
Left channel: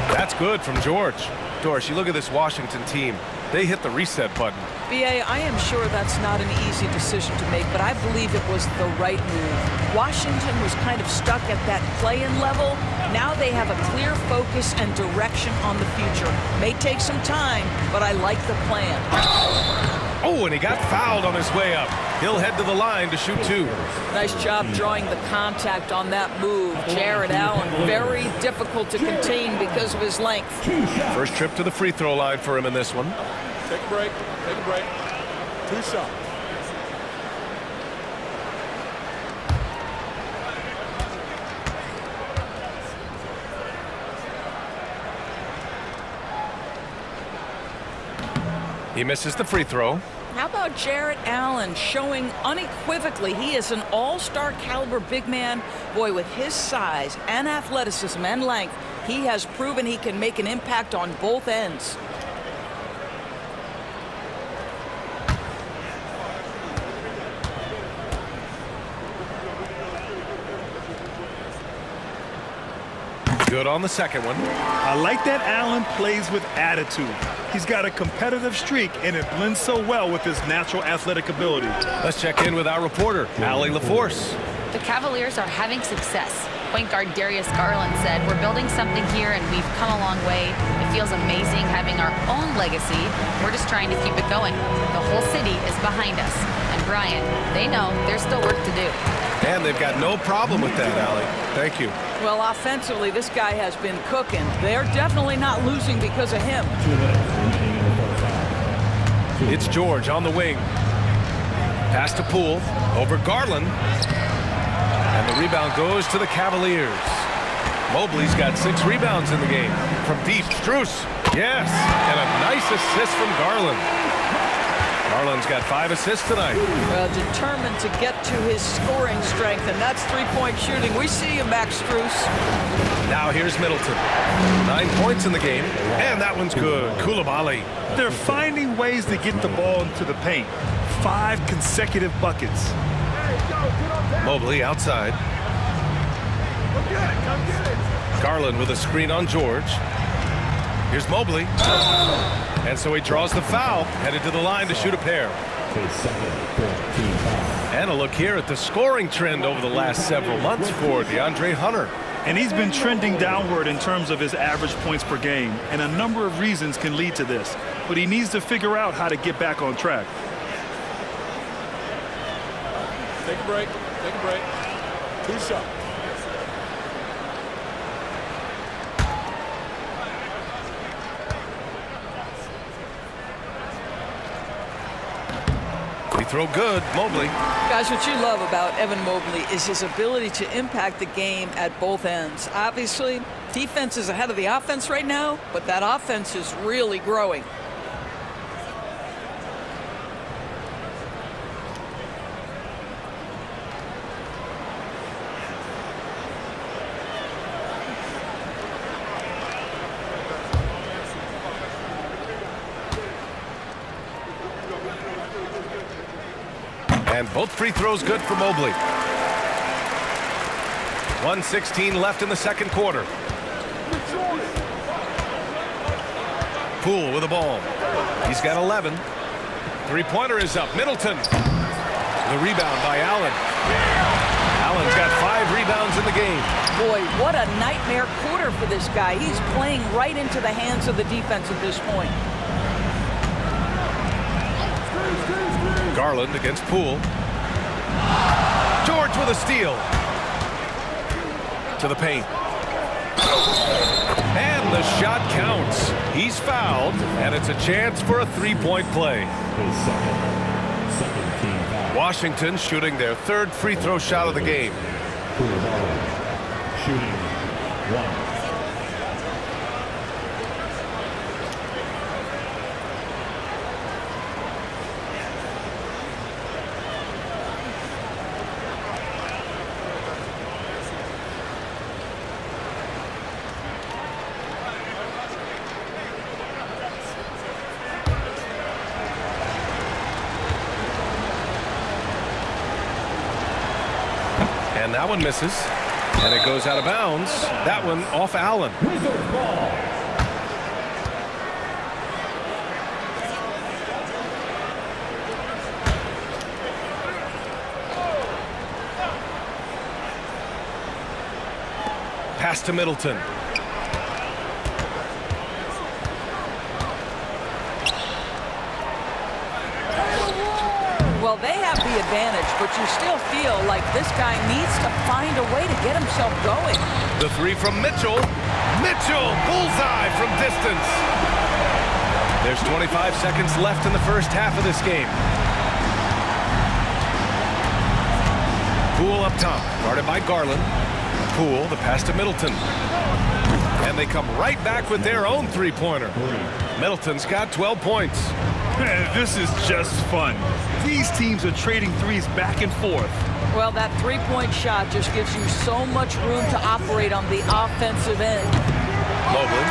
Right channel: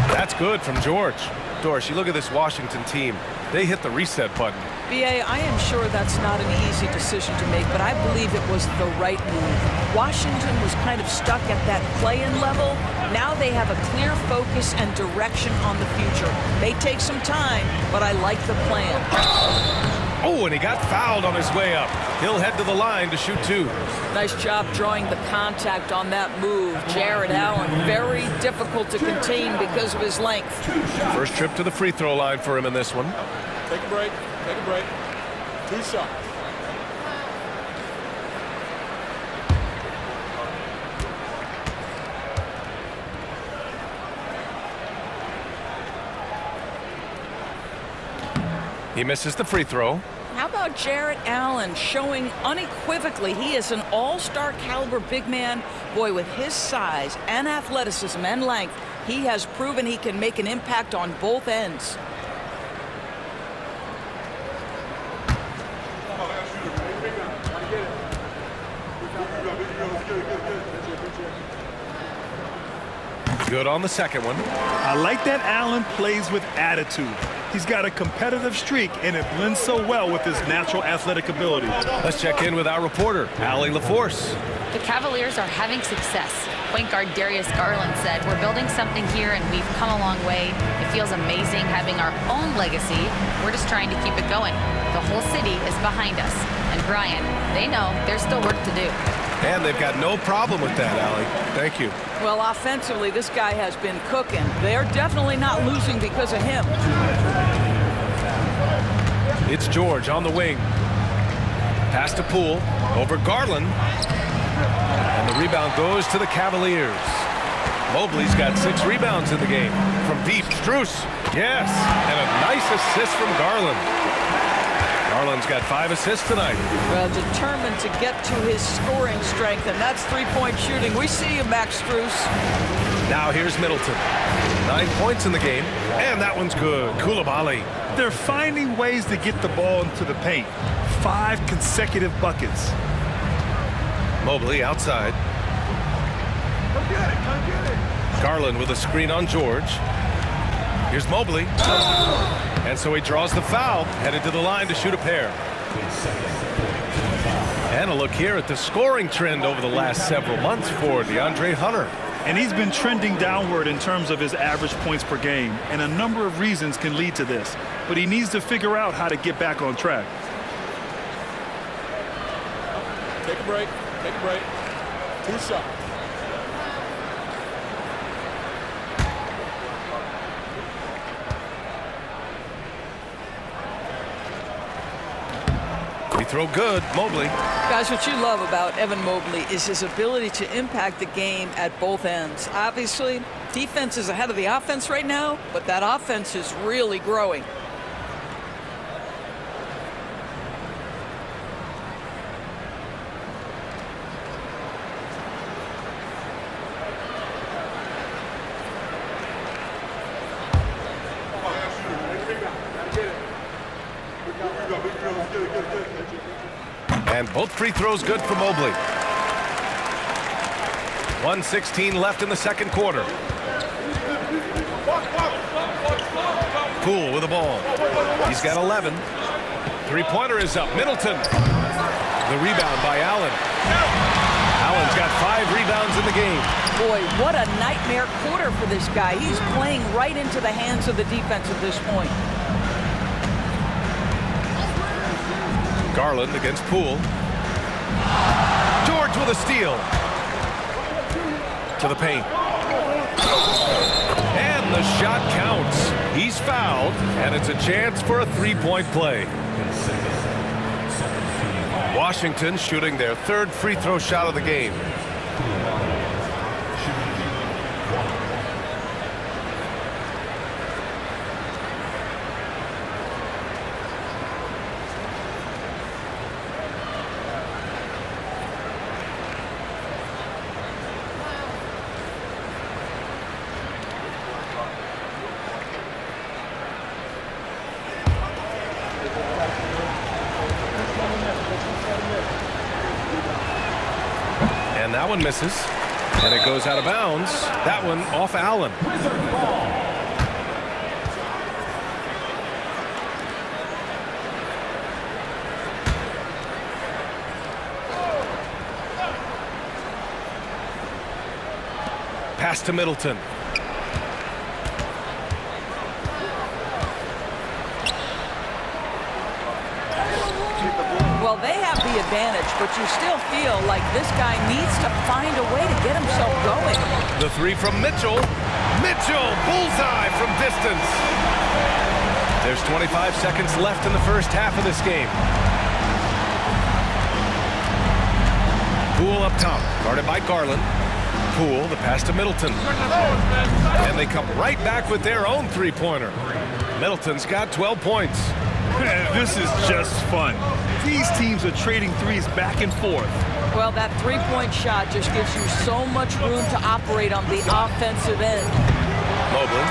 That's good from George. Doris, you look at this Washington team. They hit the reset button. B.A., I am sure that's not an easy decision to make, but I believe it was the right move. Washington was kind of stuck at that play-in level. Now they have a clear focus and direction on the future. May take some time, but I like the plan. Oh, and he got fouled on his way up. He'll head to the line to shoot 2. Nice job drawing the contact on that move. Jared Allen, very difficult to contain because of his length. First trip to the free throw line for him in this one. Take a break. Take a break. 2 shots. He misses the free throw. How about Jared Allen showing unequivocally he is an all-star caliber big man? Boy, with his size and athleticism and length, he has proven he can make an impact on both ends. Good on the second one. I like that Allen plays with attitude. He's got a competitive streak, and it blends so well with his natural athletic ability. Let's check in with our reporter, Allie LaForce. The Cavaliers are having success. Point guard Darius Garland said, "We're building something here and we've come a long way. It feels amazing having our own legacy. We're just trying to keep it going. The whole city is behind us." And Brian, they know there's still work to do. And they've got no problem with that, Allie. Thank you. Well, offensively, this guy has been cooking. They're definitely not losing because of him. It's George on the wing. Pass to Poole. Over Garland. And the rebound goes to the Cavaliers. Mobley's got 6 rebounds in the game. From deep, Strus. Yes. And a nice assist from Garland. Garland's got 5 assists tonight. Well, determined to get to his scoring strength, and that's three-point shooting. We see you, Max Strus. Now here's Middleton. 9 points in the game, and that one's good. Coulibaly. They're finding ways to get the ball into the paint. 5 consecutive buckets. Mobley outside. Come get it. Come get it. Garland with a screen on George. Here's Mobley. And so he draws the foul, headed to the line to shoot a pair. And a look here at the scoring trend over the last several months for DeAndre Hunter. And he's been trending downward in terms of his average points per game, and a number of reasons can lead to this. But he needs to figure out how to get back on track. Take a break. Take a break. 2 shots. Free throw good, Mobley. Guys, what you love about Evan Mobley is his ability to impact the game at both ends. Obviously, defense is ahead of the offense right now, but that offense is really growing. And both free throws good for Mobley. 1:16 left in the second quarter. Poole with the ball. He's got 11. Three-pointer is up. Middleton. The rebound by Allen. Allen's got 5 rebounds in the game. Boy, what a nightmare quarter for this guy. He's playing right into the hands of the defense at this point. Garland against Poole. George with a steal. To the paint. And the shot counts. He's fouled, and it's a chance for a 3-point play. Washington shooting their 3rd free throw shot of the game. Shooting 1. And that one misses. And it goes out of bounds. That one off Allen. Wizards ball. Pass to Middleton. Well, they have the advantage, but you still feel like this guy needs to find a way to get himself going. The three from Mitchell. Mitchell, bullseye from distance. There's 25 seconds left in the first half of this game. Poole up top, guarded by Garland. Poole, the pass to Middleton. And they come right back with their own three-pointer. Middleton's got 12 points. This is just fun. These teams are trading threes back and forth. Well, that three-point shot just gives you so much room to operate on the offensive end. Mobley,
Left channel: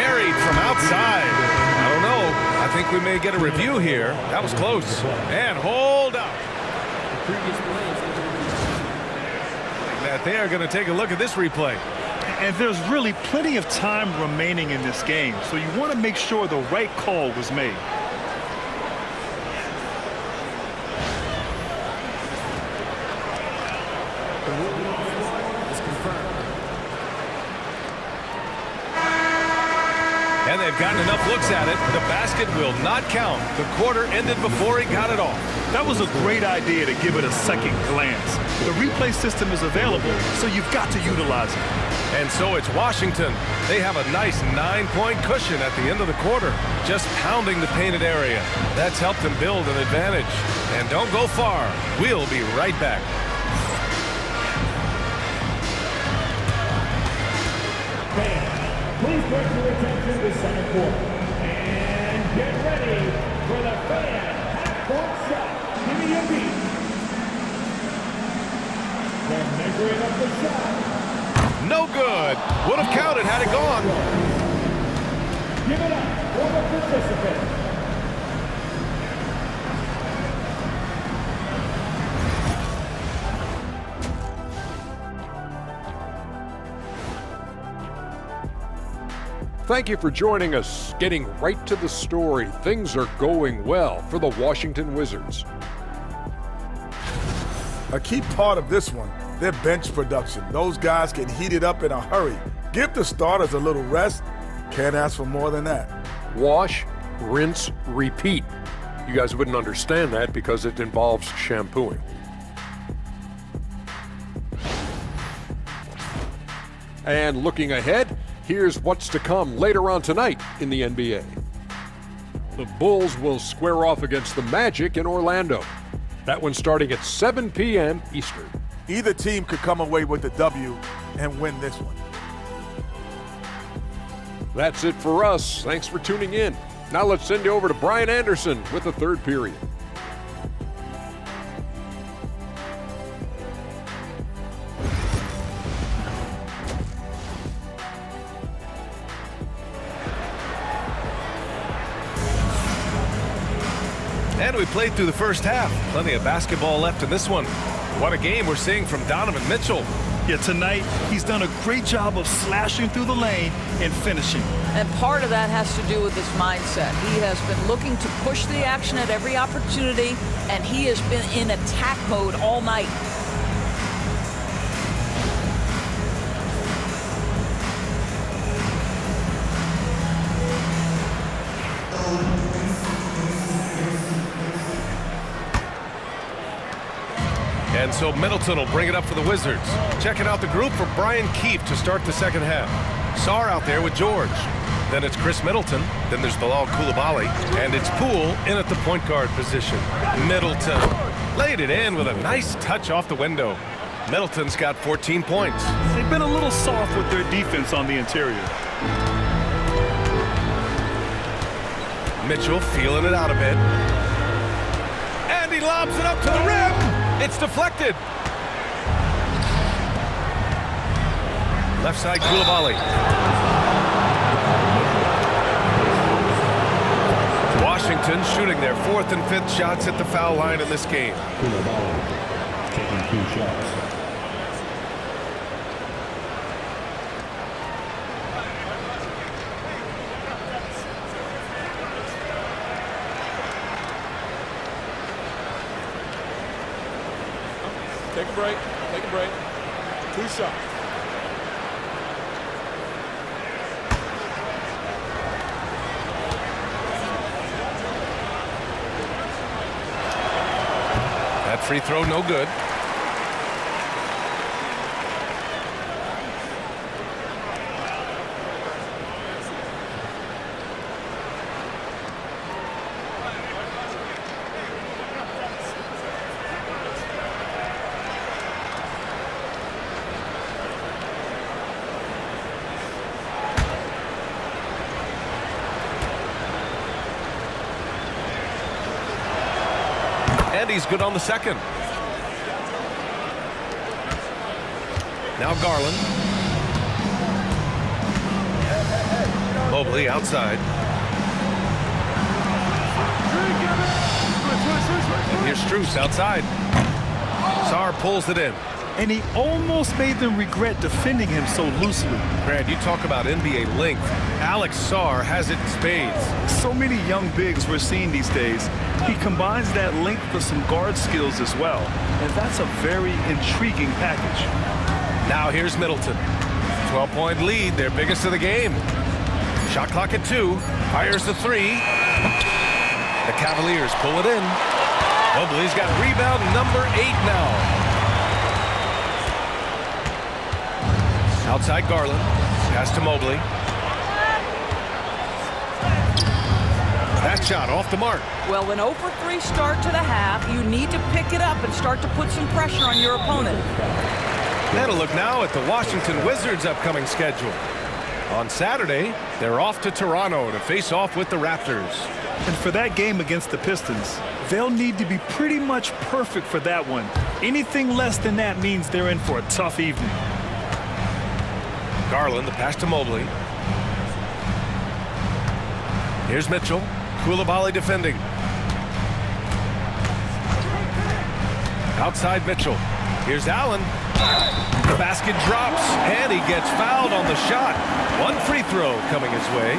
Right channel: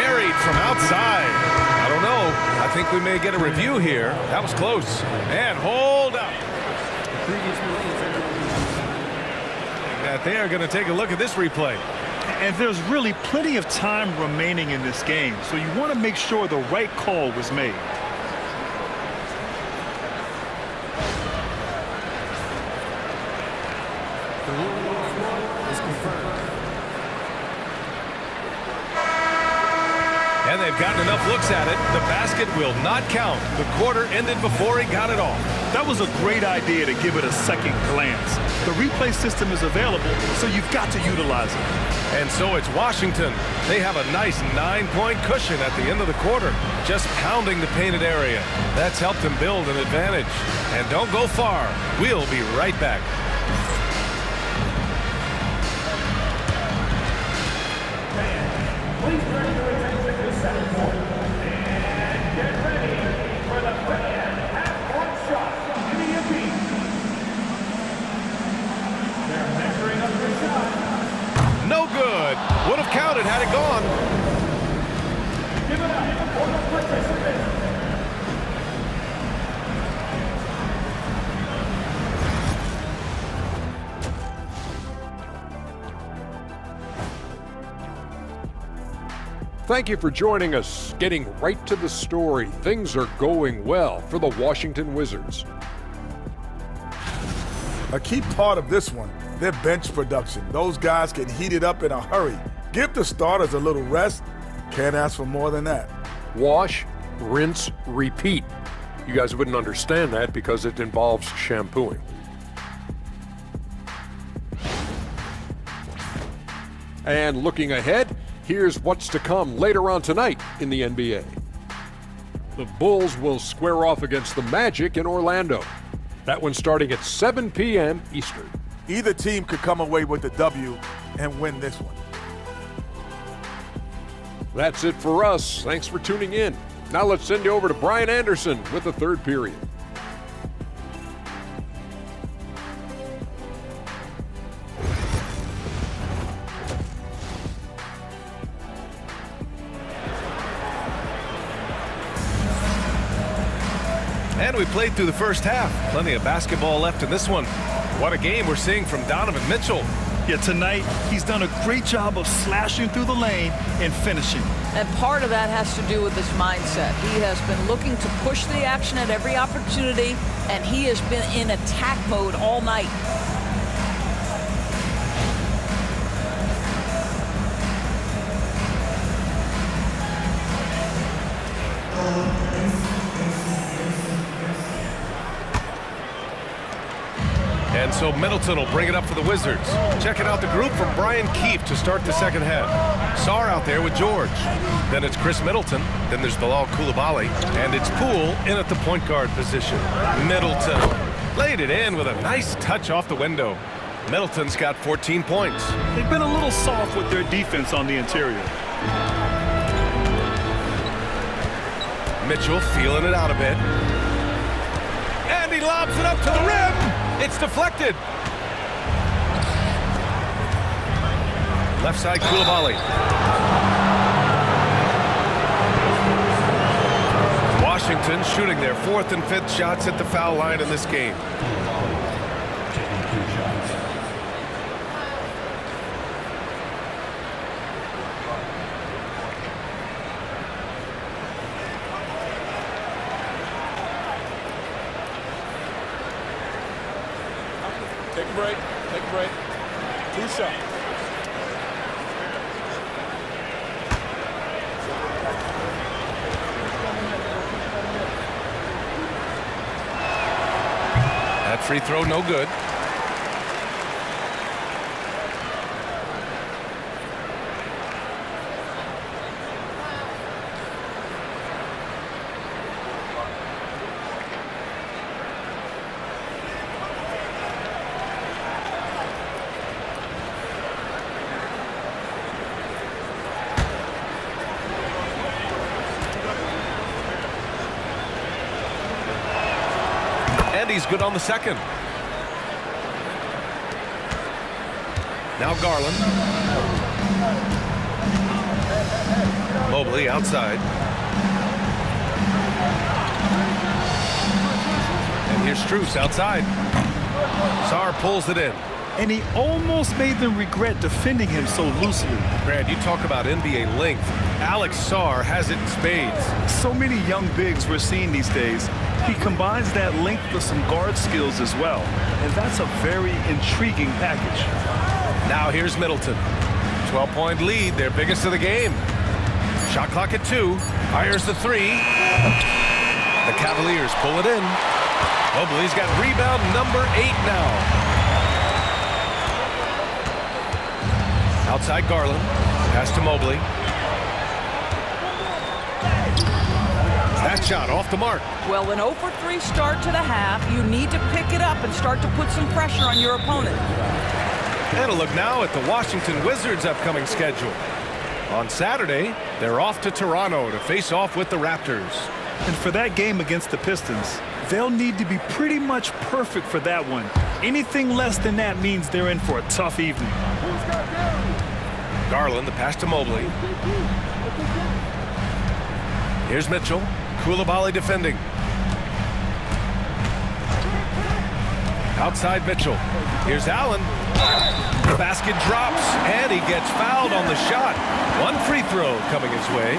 carried from outside. I don't know. I think we may get a review here. That was close. And hold up. The previous play is under review. That they are going to take a look at this replay. And there's really plenty of time remaining in this game, so you want to make sure the right call was made. The ruling on the floor is confirmed. And they've gotten enough looks at it. The basket will not count. The quarter ended before he got it off. That was a great idea to give it a second glance. The replay system is available, so you've got to utilize it. And so it's Washington. They have a nice 9-point cushion at the end of the quarter, just pounding the painted area. That's helped them build an advantage. And don't go far. We'll be right back. Fans, please direct your attention to second quarter. And get ready for the fan half-court shot. Give me a beat. They're measuring up the shot. No good. Would have counted had it gone. Give it up for the participant. Thank you for joining us. Getting right to the story, things are going well for the Washington Wizards. A key part of this one, their bench production. Those guys can heat it up in a hurry. Give the starters a little rest. Can't ask for more than that. Wash, rinse, repeat. You guys wouldn't understand that because it involves shampooing. And looking ahead, here's what's to come later on tonight in the NBA. The Bulls will square off against the Magic in Orlando. That one's starting at 7 p.m. Eastern. Either team could come away with the W and win this one. That's it for us. Thanks for tuning in. Now let's send you over to Brian Anderson with the third period. And we played through the first half. Plenty of basketball left in this one. What a game we're seeing from Donovan Mitchell. Yeah, tonight he's done a great job of slashing through the lane and finishing. And part of that has to do with his mindset. He has been looking to push the action at every opportunity, and he has been in attack mode all night. And so Middleton will bring it up for the Wizards. Checking out the group for Brian Keefe to start the second half. Sarr out there with George. Then it's Chris Middleton. Then there's Bilal Coulibaly. And it's Poole in at the point guard position. Middleton laid it in with a nice touch off the window. Middleton's got 14 points. They've been a little soft with their defense on the interior. Mitchell feeling it out a bit. And he lobs it up to the rim. It's deflected. Left side, Coulibaly. Washington shooting their fourth and fifth shots at the foul line in this game. Coulibaly taking 2 shots. Take a break. Take a break. 2 shots. That free throw no good. And he's good on the second. Now Garland. Mobley outside. And here's Strus outside. Sarr pulls it in. And he almost made them regret defending him so loosely. Brad, you talk about NBA length. Alex Sarr has it in spades. So many young bigs we're seeing these days. He combines that length with some guard skills as well. And that's a very intriguing package. Now here's Middleton. 12-point lead, their biggest of the game. Shot clock at 2. Fires the 3. The Cavaliers pull it in. Mobley's got rebound number 8 now. Outside Garland. Pass to Mobley. That shot off the mark. Well, an 0 for 3 start to the half. You need to pick it up and start to put some pressure on your opponent. And a look now at the Washington Wizards' upcoming schedule. On Saturday, they're off to Toronto to face off with the Raptors. And for that game against the Pistons, they'll need to be pretty much perfect for that one. Anything less than that means they're in for a tough evening. Garland, the pass to Mobley. Here's Mitchell. Coulibaly defending. Outside Mitchell. Here's Allen. The basket drops, and he gets fouled on the shot. One free throw coming his way.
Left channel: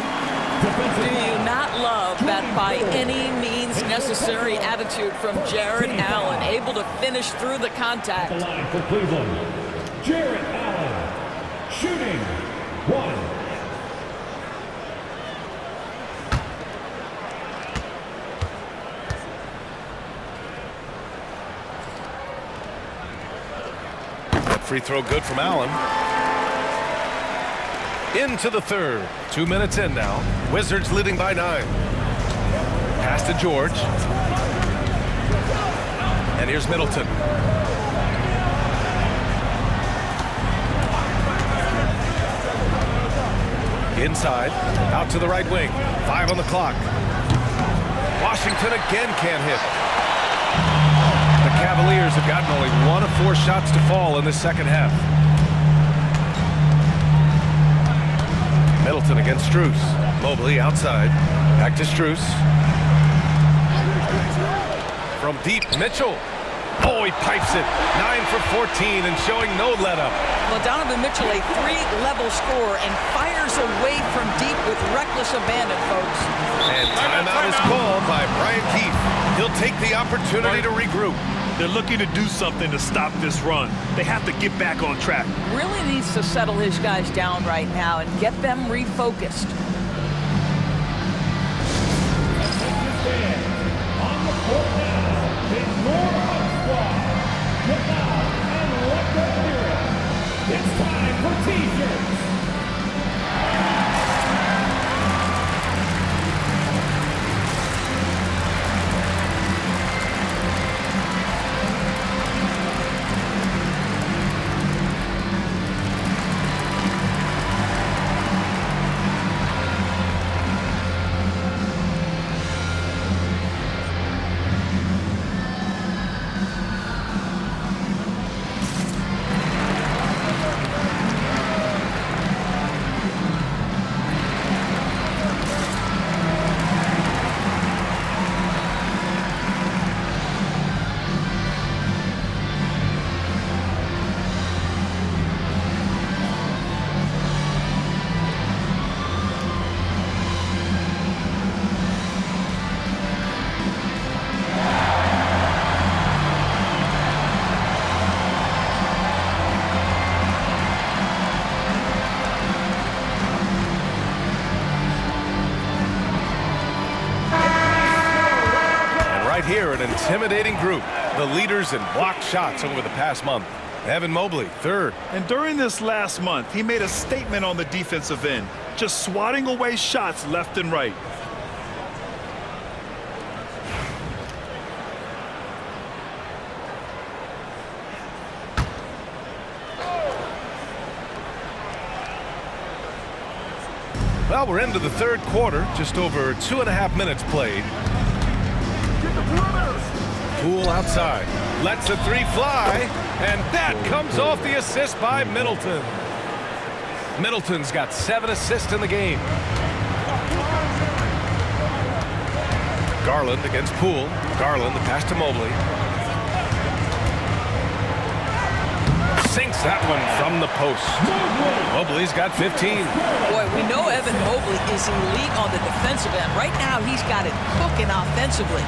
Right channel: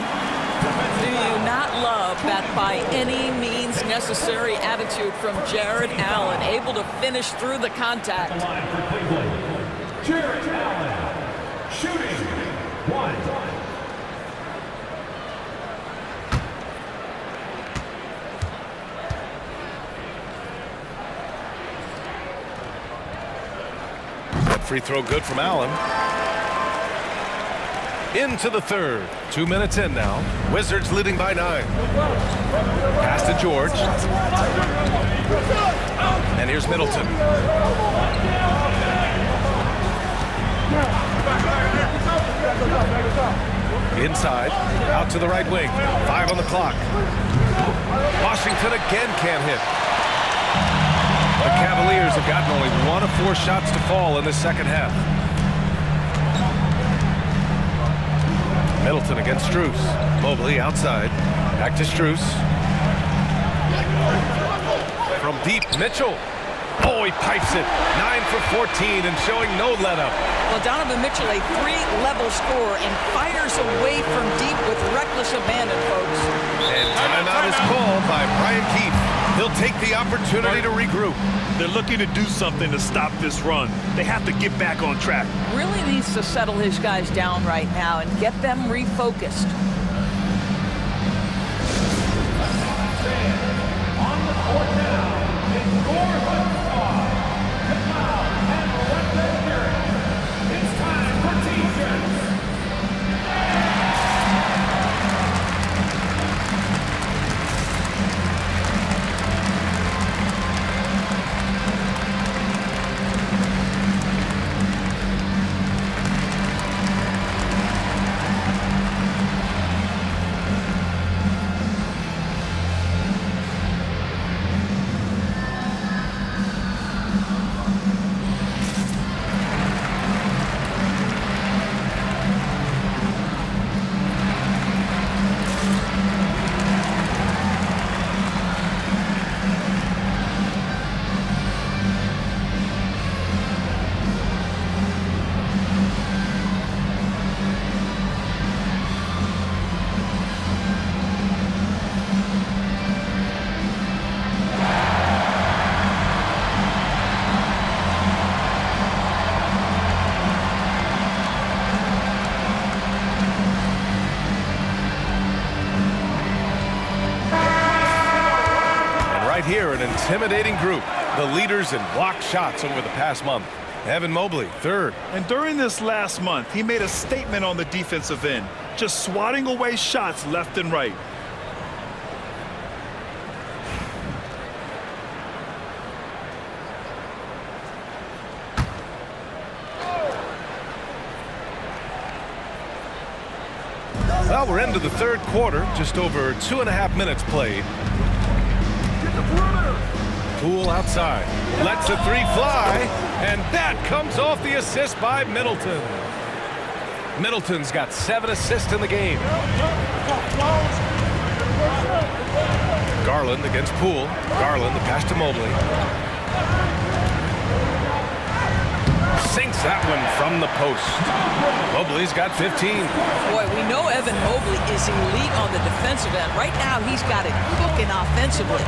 Do you not love that by any means necessary attitude from Jared Allen, able to finish through the contact? The line for Cleveland, Jared Allen, shooting 1. Free throw good from Allen. Into the third. 2 minutes in now. Wizards leading by 9. Pass to George. And here's Middleton. Inside. Out to the right wing. 5 on the clock. Washington again can't hit. The Cavaliers have gotten only 1 of 4 shots to fall in the second half. Middleton against Strus. Mobley outside. Back to Strus. From deep, Mitchell. Oh, he pipes it. 9 for 14 and showing no let-up. Well, Donovan Mitchell, a 3-level scorer, and fires away from deep with reckless abandon, folks. And timeout is called by Brian Keefe. He'll take the opportunity to regroup. They're looking to do something to stop this run. They have to get back on track. Really needs to settle his guys down right now and get them refocused. On the court now, it's your Hunt squad. Get out and let them hear it. It's time for T-shirts. Right here, an intimidating group. the leaders in blocked shots over the past month. Evan Mobley, third. And during this last month, he made a statement on the defensive end, just swatting away shots left and right. Well, we're into the third quarter, just over 2.5 minutes played. Get the perimeter. Poole outside, lets a three fly, and that comes off the assist by Middleton. Middleton's got 7 assists in the game. Garland against Poole. Garland, the pass to Mobley. Sinks that one from the post. Mobley's got 15. Boy, we know Evan Mobley is elite on the defensive end. Right now, he's got it cooking offensively.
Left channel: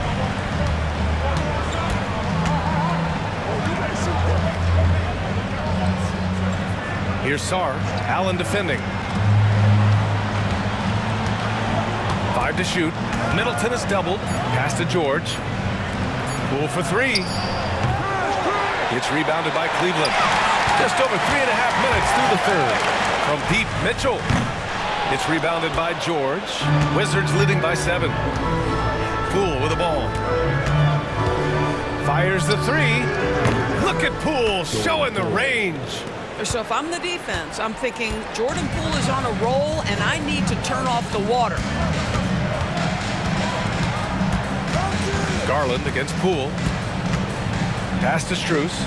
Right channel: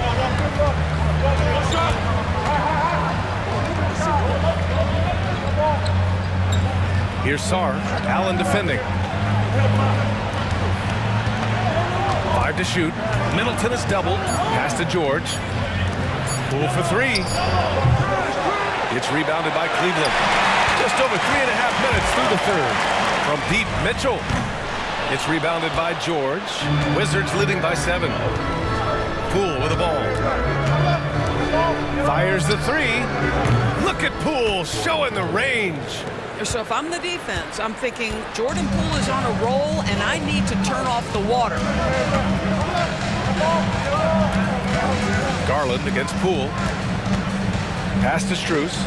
Here's Sarr. Allen defending. 5 to shoot. Middleton is doubled. Pass to George. Poole for 3. It's rebounded by Cleveland. Just over 3.5 minutes through the third. From deep, Mitchell. It's rebounded by George. Wizards leading by 7. Poole with the ball. Fires the 3. Look at Poole showing the range. So if I'm the defense, I'm thinking Jordan Poole is on a roll, and I need to turn off the water. Garland against Poole. Pass to Strus.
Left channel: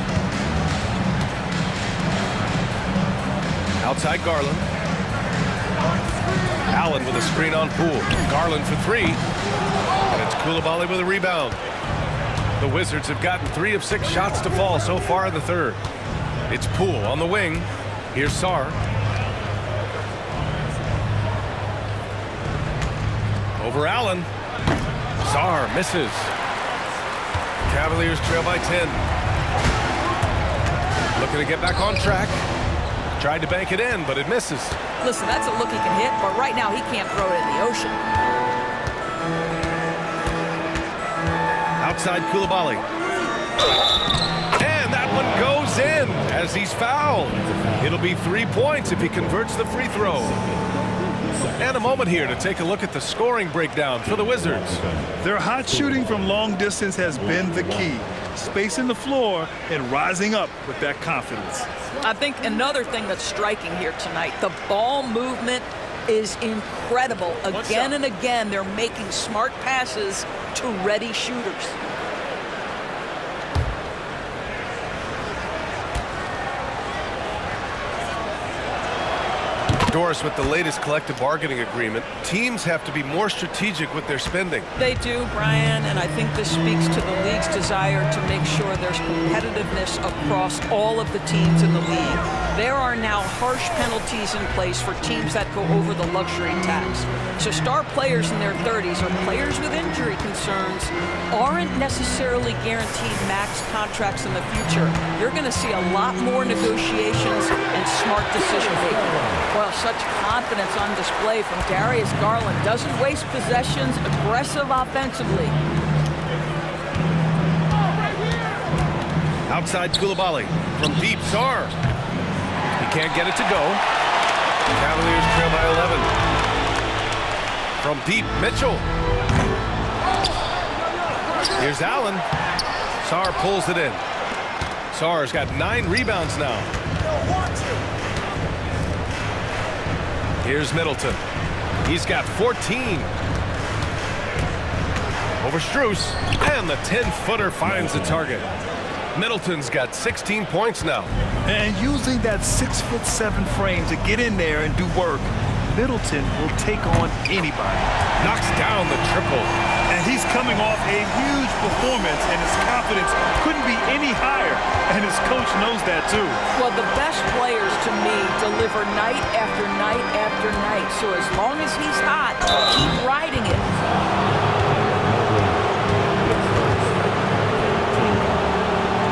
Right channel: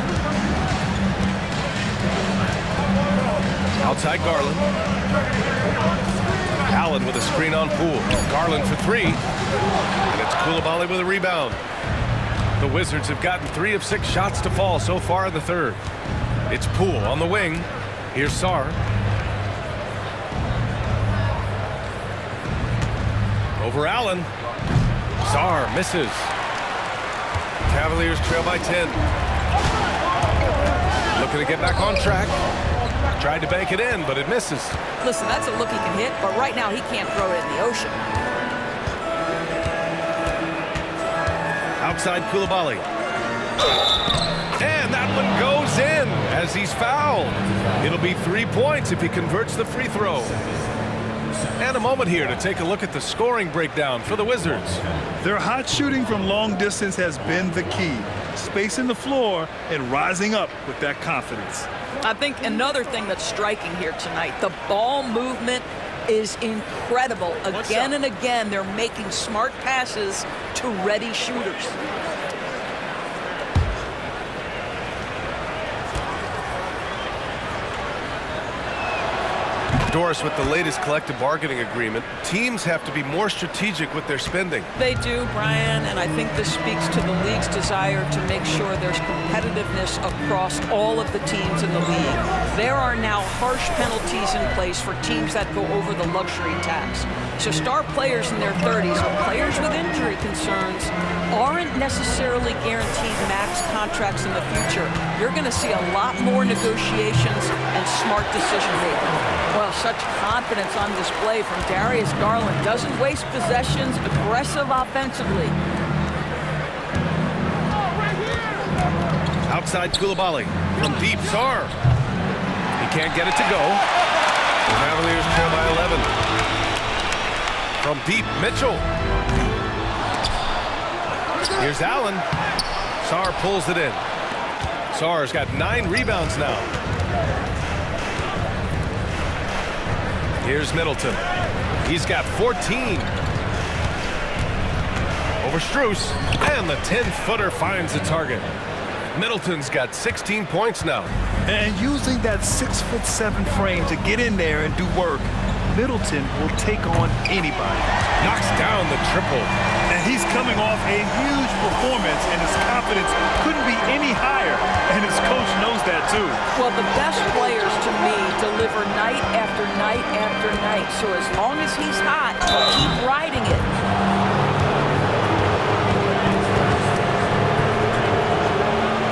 Outside Garland. Allen with a screen on Poole. Garland for 3. And it's Coulibaly with a rebound. The Wizards have gotten 3 of 6 shots to fall so far in the third. It's Poole on the wing. Here's Sarr. Over Allen. Sarr misses. Cavaliers trail by 10. Looking to get back on track. Tried to bank it in, but it misses. Listen, that's a look he can hit, but right now he can't throw it in the ocean. Outside Coulibaly. And that one goes in as he's fouled. It'll be 3 points if he converts the free throw. And a moment here to take a look at the scoring breakdown for the Wizards. Their hot shooting from long distance has been the key. Spacing the floor and rising up with that confidence. I think another thing that's striking here tonight, the ball movement is incredible. Again and again, they're making smart passes to ready shooters. Doris, with the latest collective bargaining agreement, teams have to be more strategic with their spending. They do, Brian, and I think this speaks to the league's desire to make sure there's competitiveness across all of the teams in the league. There are now harsh penalties in place for teams that go over the luxury tax. So star players in their 30s or players with injury concerns aren't necessarily guaranteed max contracts in the future. You're going to see a lot more negotiations and smart decision making. Well, such confidence on display from Darius Garland. Doesn't waste possessions, aggressive offensively. Outside Coulibaly. From deep, Sarr. He can't get it to go. The Cavaliers trail by 11. From deep, Mitchell. Here's Allen. Sarr pulls it in. Sarr's got 9 rebounds now. Here's Middleton. He's got 14. Over Strus. And the 10-footer finds the target. Middleton's got 16 points now. And using that 6'7" frame to get in there and do work, Middleton will take on anybody. Knocks down the triple. And he's coming off a huge performance, and his confidence couldn't be any higher. And his coach knows that, too. Well, the best players, to me, deliver night after night after night. So as long as he's hot, keep riding it.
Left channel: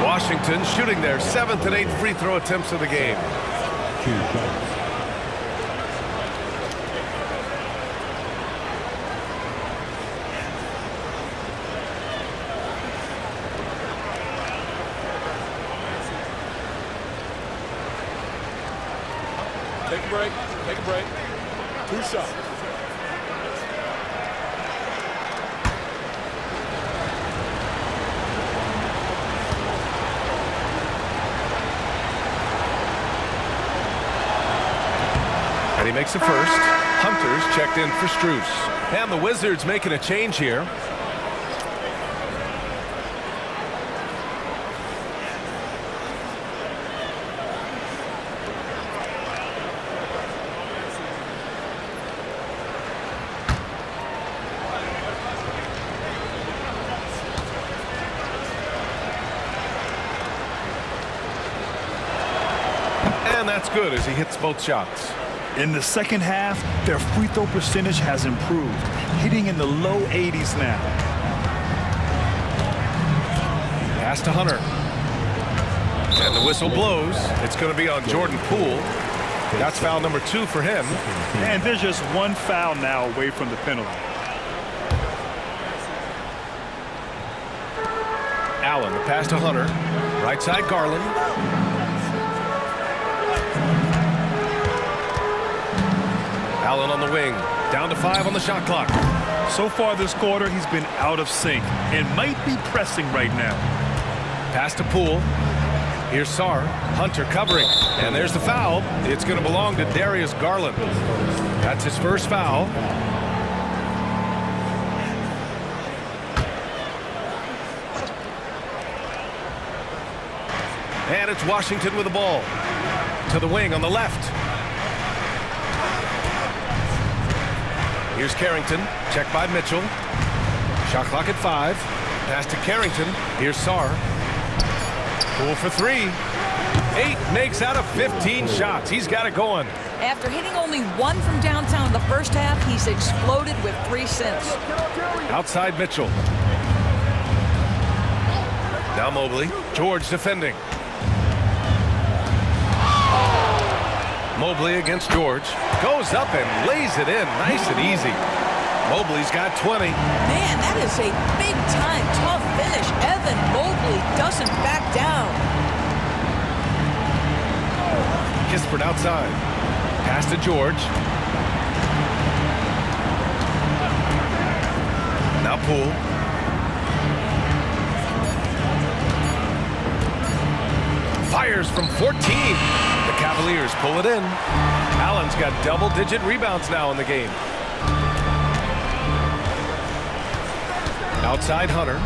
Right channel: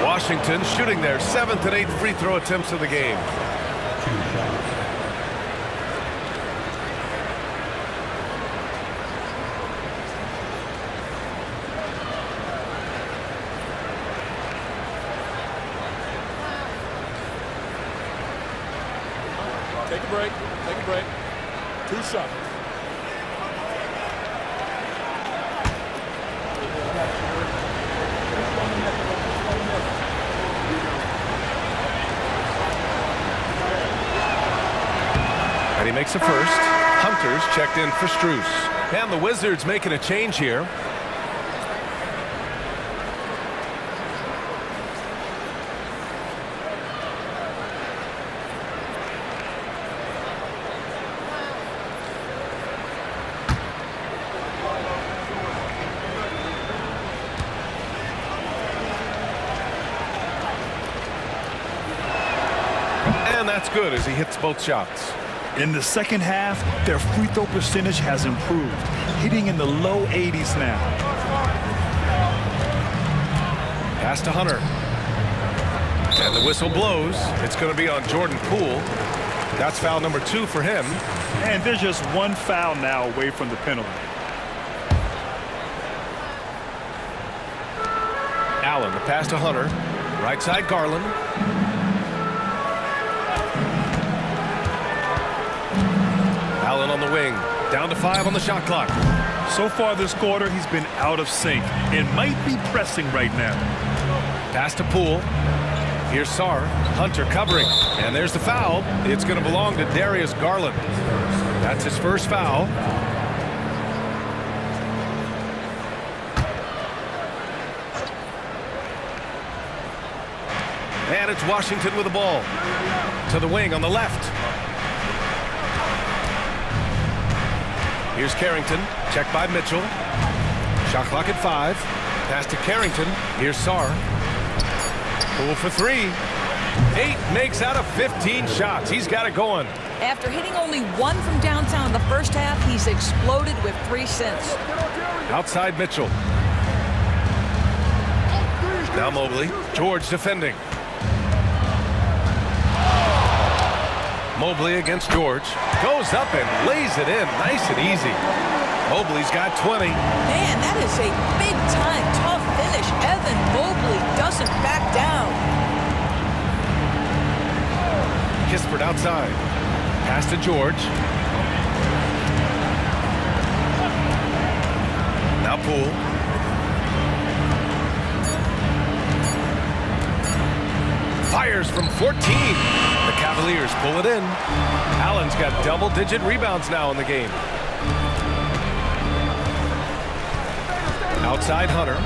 Washington shooting their 7th and 8th free throw attempts of the game. Take a break. Take a break. 2 shots. And he makes a first. Hunter's checked in for Strus. And the Wizards making a change here. And that's good as he hits both shots. In the second half, their free throw percentage has improved, hitting in the low 80s now. Pass to Hunter. And the whistle blows. It's going to be on Jordan Poole. That's foul number 2 for him. And there's just one foul now away from the penalty. Allen, the pass to Hunter. Right side, Garland. Allen on the wing. Down to 5 on the shot clock. So far this quarter, he's been out of sync and might be pressing right now. Pass to Poole. Here's Sarr. Hunter covering. And there's the foul. It's going to belong to Darius Garland. That's his first foul. And it's Washington with the ball. To the wing on the left. Here's Carrington. Checked by Mitchell. Shot clock at 5. Pass to Carrington. Here's Sarr. Poole for 3. 8 makes out of 15 shots. He's got it going. After hitting only 1 from downtown in the first half, he's exploded with 3 since. Outside Mitchell. Now Mobley. George defending. Mobley against George. Goes up and lays it in. Nice and easy. Mobley's got 20. Man, that is a big-time tough finish. Evan Mobley doesn't back down. Kispert outside. Pass to George. Now Poole. Fires from 14. The Cavaliers pull it in. Allen's got double-digit rebounds now in the game. Outside Hunter.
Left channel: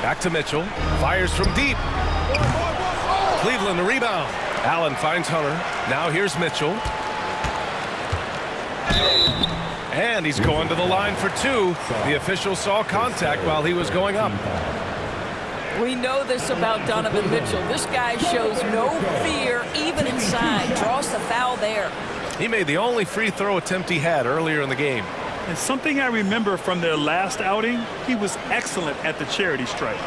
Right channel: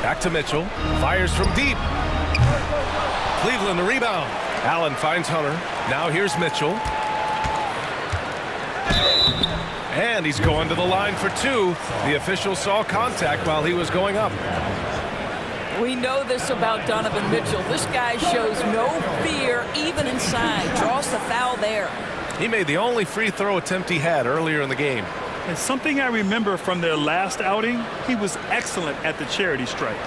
Back to Mitchell. Fires from deep. Cleveland the rebound. Allen finds Hunter. Now here's Mitchell. And he's going to the line for 2. The official saw contact while he was going up. We know this about Donovan Mitchell. This guy shows no fear even inside. Draws the foul there. He made the only free throw attempt he had earlier in the game. And something I remember from their last outing, he was excellent at the charity stripe.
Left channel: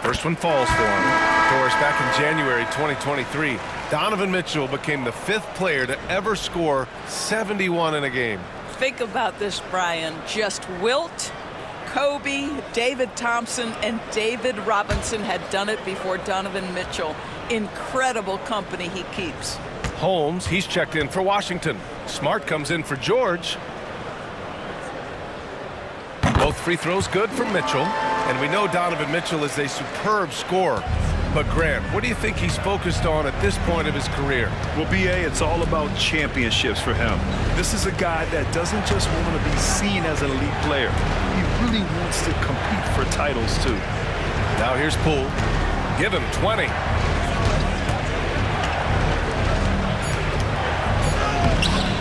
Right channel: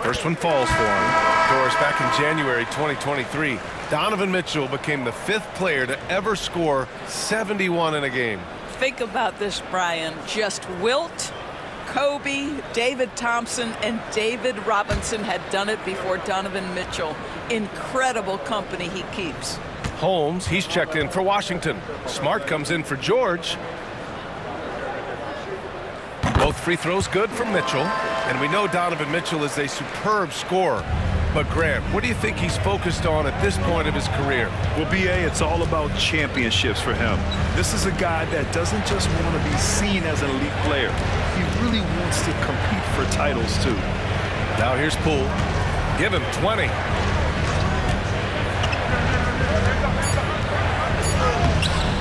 First one falls for him. Of course, back in January 2023, Donovan Mitchell became the 5th player to ever score 71 in a game. Think about this, Brian. Just Wilt, Kobe, David Thompson, and David Robinson had done it before Donovan Mitchell. Incredible company he keeps. Holmes, he's checked in for Washington. Smart comes in for George. Both free throws good for Mitchell. And we know Donovan Mitchell is a superb scorer. But Grant, what do you think he's focused on at this point of his career? Well, B.A., it's all about championships for him. This is a guy that doesn't just want to be seen as an elite player. He really wants to compete for titles, too. Now here's Poole. Give him 20.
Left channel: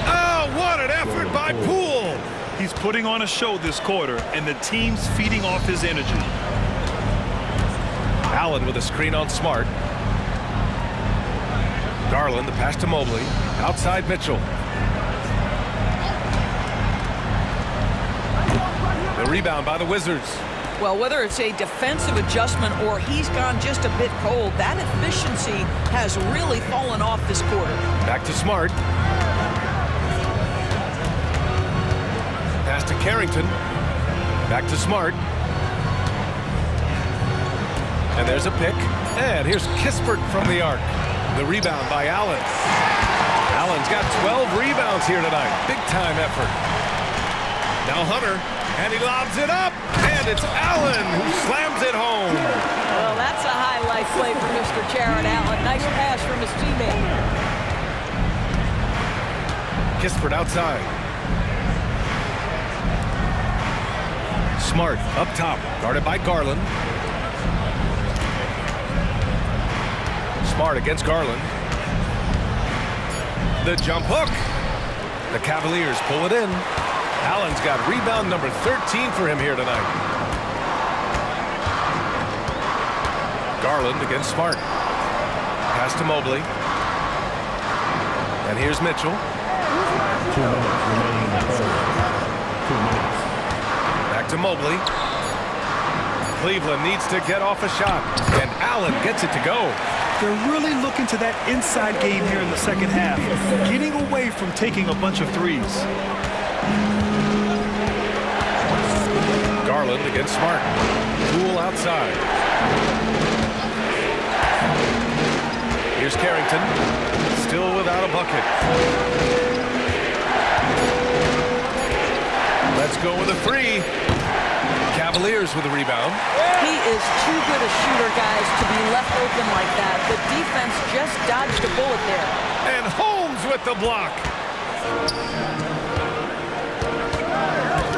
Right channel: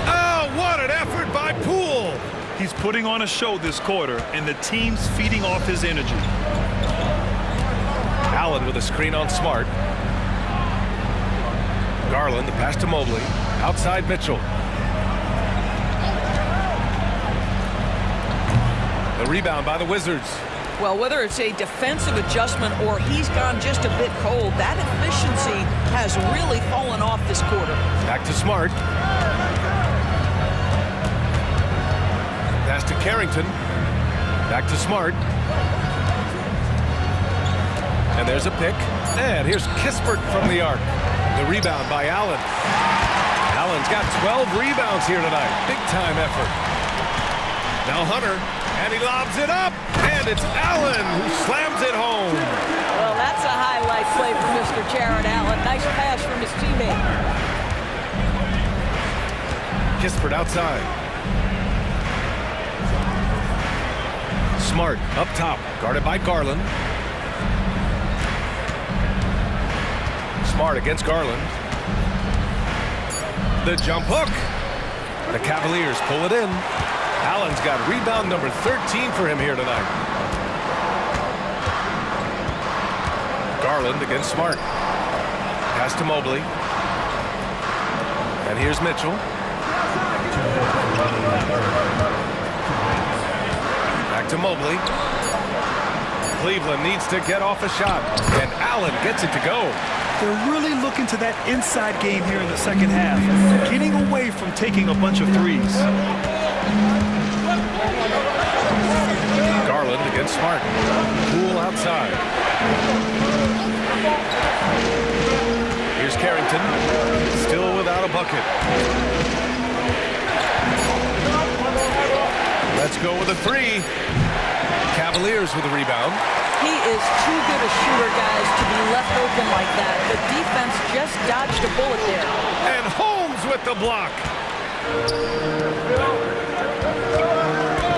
Oh, what an effort by Poole! He's putting on a show this quarter, and the team's feeding off his energy. Allen with a screen on Smart. Garland, the pass to Mobley. Outside Mitchell. The rebound by the Wizards. Well, whether it's a defensive adjustment or he's gone just a bit cold, that efficiency has really fallen off this quarter. Back to Smart. Pass to Carrington. Back to Smart. And there's a pick. And here's Kispert from the arc. The rebound by Allen. Allen's got 12 rebounds here tonight. Big time effort. Now Hunter, and he lobs it up. And it's Allen who slams it home. Well, that's a highlight play for Mr. Jared Allen. Nice pass from his teammate. Kispert outside. Smart up top, guarded by Garland. Smart against Garland. The jump hook. The Cavaliers pull it in. Allen's got rebound number 13 for him here tonight. Garland against Smart. Pass to Mobley. And here's Mitchell. Back to Mobley. Cleveland needs to get off a shot, and Allen gets it to go. They're really looking to that inside game here in the second half, getting away from taking a bunch of threes. Garland against Smart. Poole outside. Here's Carrington, still without a bucket. Let's go with a three. Cavaliers with a rebound. He is too good a shooter, guys, to be left open like that. The defense just dodged a bullet there. And Holmes with the block.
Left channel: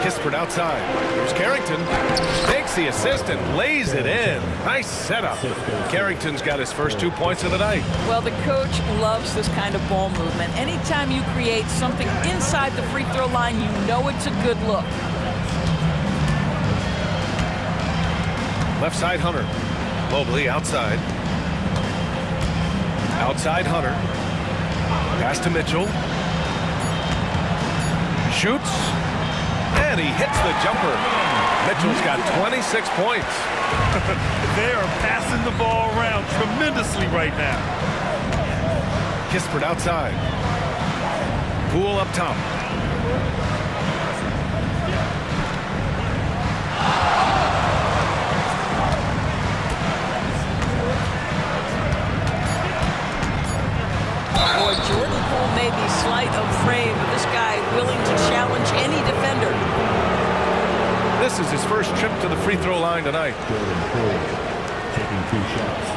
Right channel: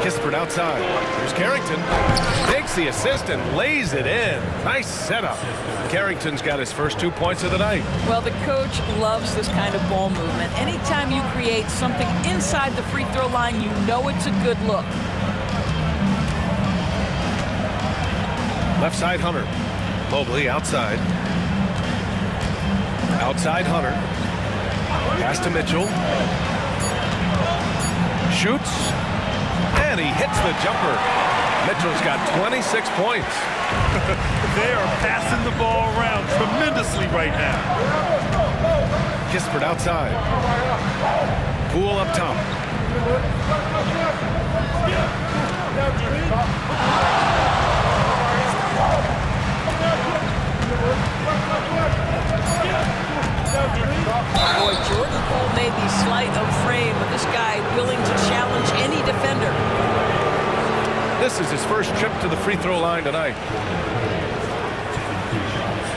Kispert outside. Here's Carrington. Takes the assist and lays it in. Nice setup. Carrington's got his first 2 points of the night. Well, the coach loves this kind of ball movement. Anytime you create something inside the free throw line, you know it's a good look. Left side, Hunter. Mobley outside. Outside, Hunter. Pass to Mitchell. Shoots. And he hits the jumper. Mitchell's got 26 points. They are passing the ball around tremendously right now. Kispert outside. Poole up top. Boy, Jordan Poole may be slight of frame, but this guy willing to challenge any defender. This is his first trip to the free throw line tonight. Jordan Poole taking 2 shots.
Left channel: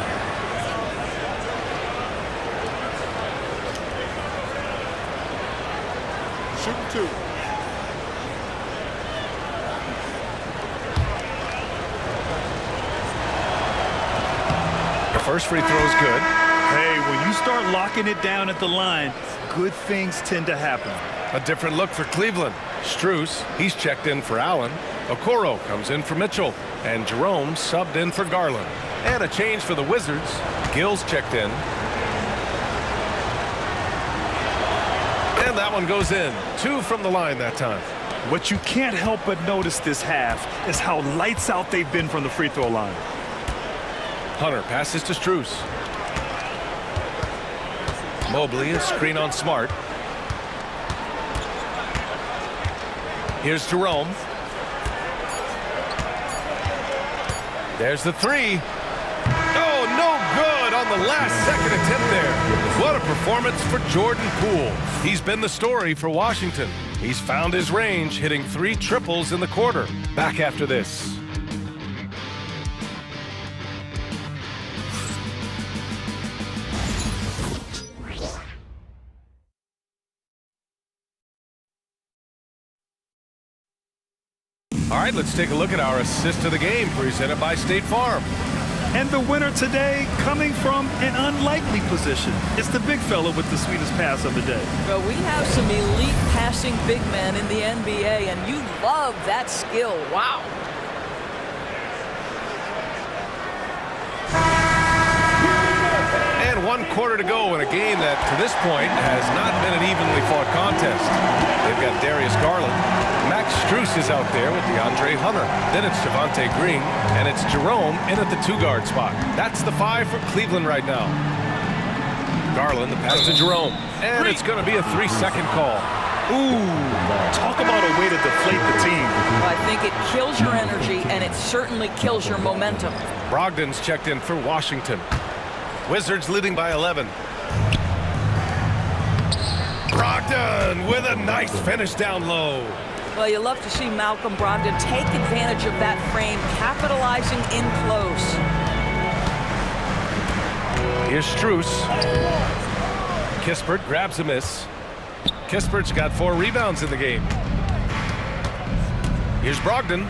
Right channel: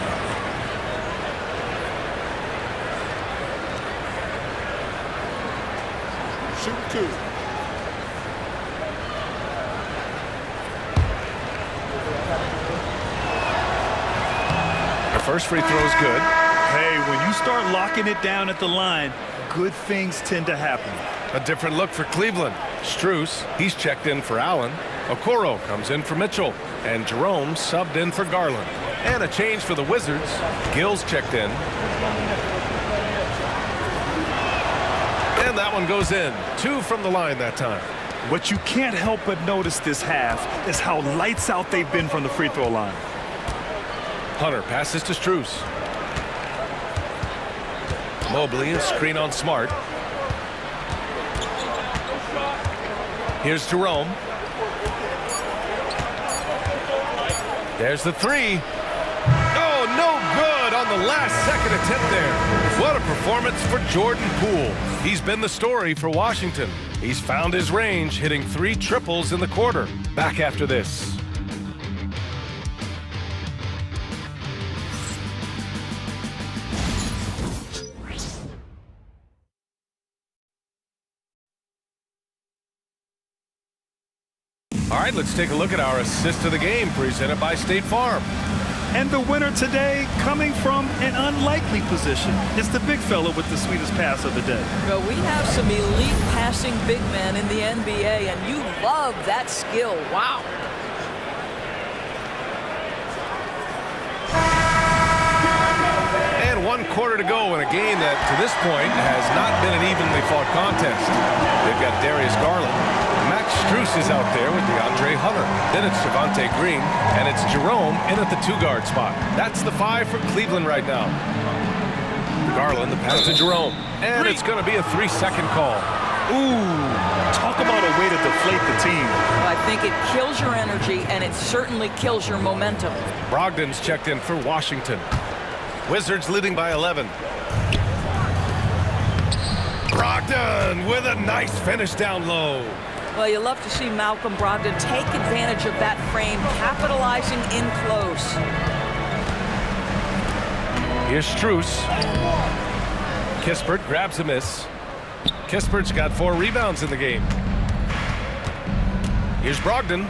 Shooting 2. The first free throw is good. Hey, when you start locking it down at the line, good things tend to happen. A different look for Cleveland. Strus, he's checked in for Allen. Okoro comes in for Mitchell. And Jerome subbed in for Garland. And a change for the Wizards. Gill's checked in. And that one goes in. 2 from the line that time. What you can't help but notice this half is how lights out they've been from the free throw line. Hunter passes to Strus. Mobley, a screen on Smart. Here's Jerome. There's the three. Oh, no good on the last second attempt there. What a performance for Jordan Poole. He's been the story for Washington. He's found his range, hitting 3 triples in the quarter. Back after this. All right, let's take a look at our assist of the game presented by State Farm. And the winner today coming from an unlikely position. It's the big fella with the sweetest pass of the day. Well, we have some elite passing big men in the NBA, and you love that skill. Wow. And 1 quarter to go in a game that, to this point, has not been an evenly fought contest. They've got Darius Garland. Max Strus is out there with DeAndre Hunter. Then it's Javonte Green, and it's Jerome in at the 2-guard spot. That's the 5 for Cleveland right now. Garland, the pass to Jerome. And it's going to be a 3-second call. Ooh, talk about a way to deflate the team. Well, I think it kills your energy, and it certainly kills your momentum. Brogdon's checked in for Washington. Wizards leading by 11. Brogdon with a nice finish down low. Well, you love to see Malcolm Brogdon take advantage of that frame, capitalizing in close. Here's Strus. Kispert grabs a miss. Kispert's got 4 rebounds in the game. Here's Brogdon.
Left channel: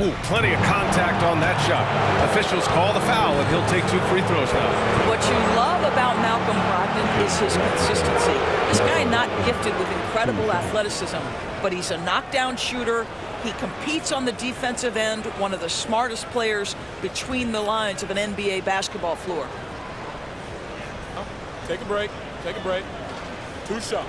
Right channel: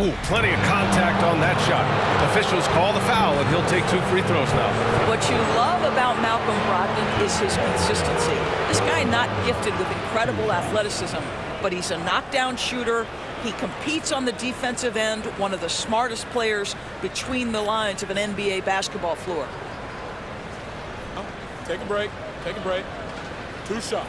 Oh, plenty of contact on that shot. Officials call the foul, and he'll take 2 free throws now. What you love about Malcolm Brogdon is his consistency. This guy not gifted with incredible athleticism, but he's a knockdown shooter. He competes on the defensive end, one of the smartest players between the lines of an NBA basketball floor. Take a break. Take a break. 2 shots.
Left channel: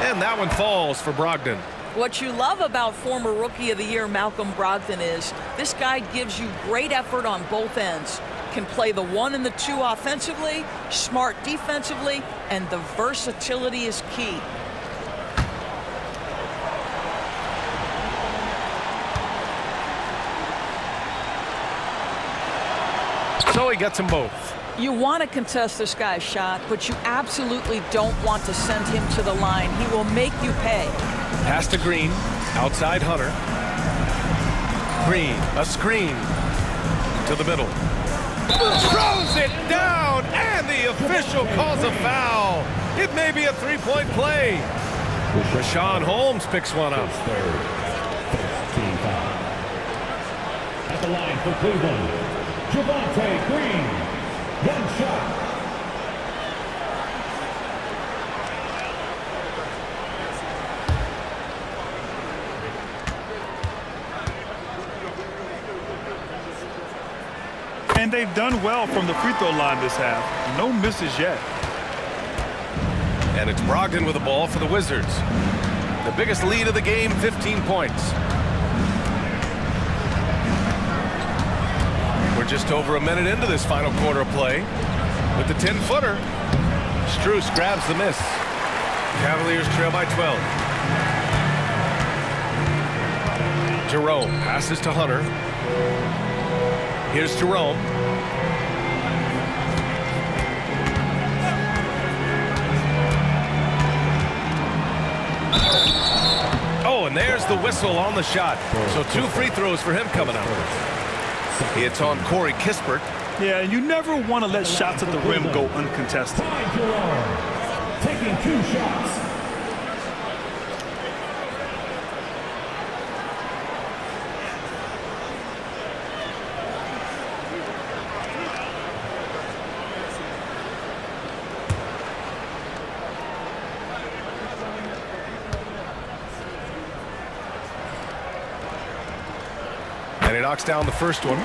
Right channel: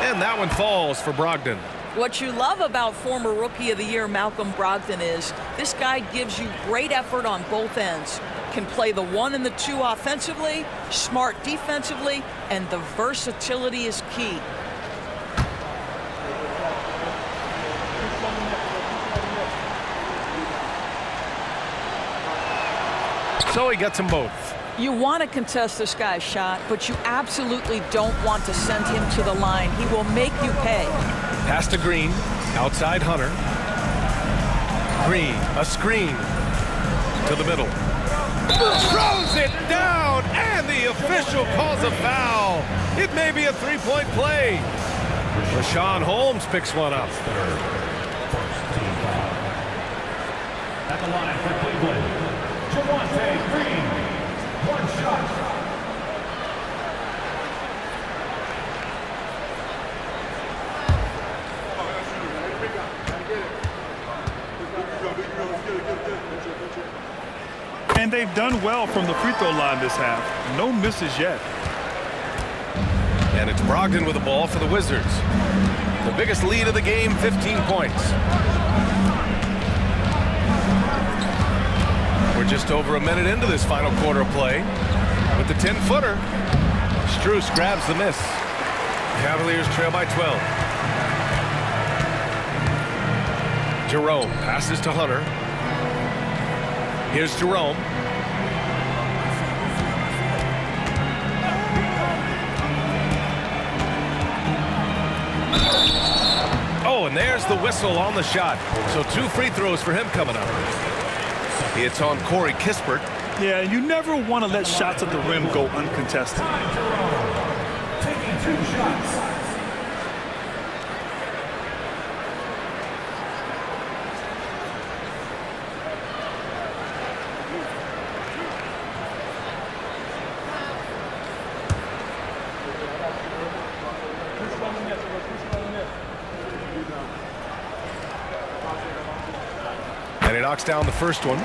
And that one falls for Brogdon. What you love about former Rookie of the Year Malcolm Brogdon is this guy gives you great effort on both ends. Can play the 1 and the 2 offensively, smart defensively, and the versatility is key. So he gets them both. You want to contest this guy's shot, but you absolutely don't want to send him to the line. He will make you pay. Pass to Green, outside Hunter. Green, a screen to the middle. Throws it down, and the official calls a foul. It may be a 3-point play. Rashawn Holmes picks one up. First team foul. At the line for Cleveland, Javonte Green. 1 shot. And they've done well from the free throw line this half. No misses yet. And it's Brogdon with the ball for the Wizards. The biggest lead of the game, 15 points. We're just over a minute into this final quarter of play. With the 10-footer, Strus grabs the miss. Cavaliers trail by 12. Jerome passes to Hunter. Here's Jerome. Oh, and there's the whistle on the shot. So 2 free throws for him coming up. It's on Corey Kispert. Yeah, and you never want to let shots at the rim go uncontested. Taking 2 shots. And he knocks down the first one.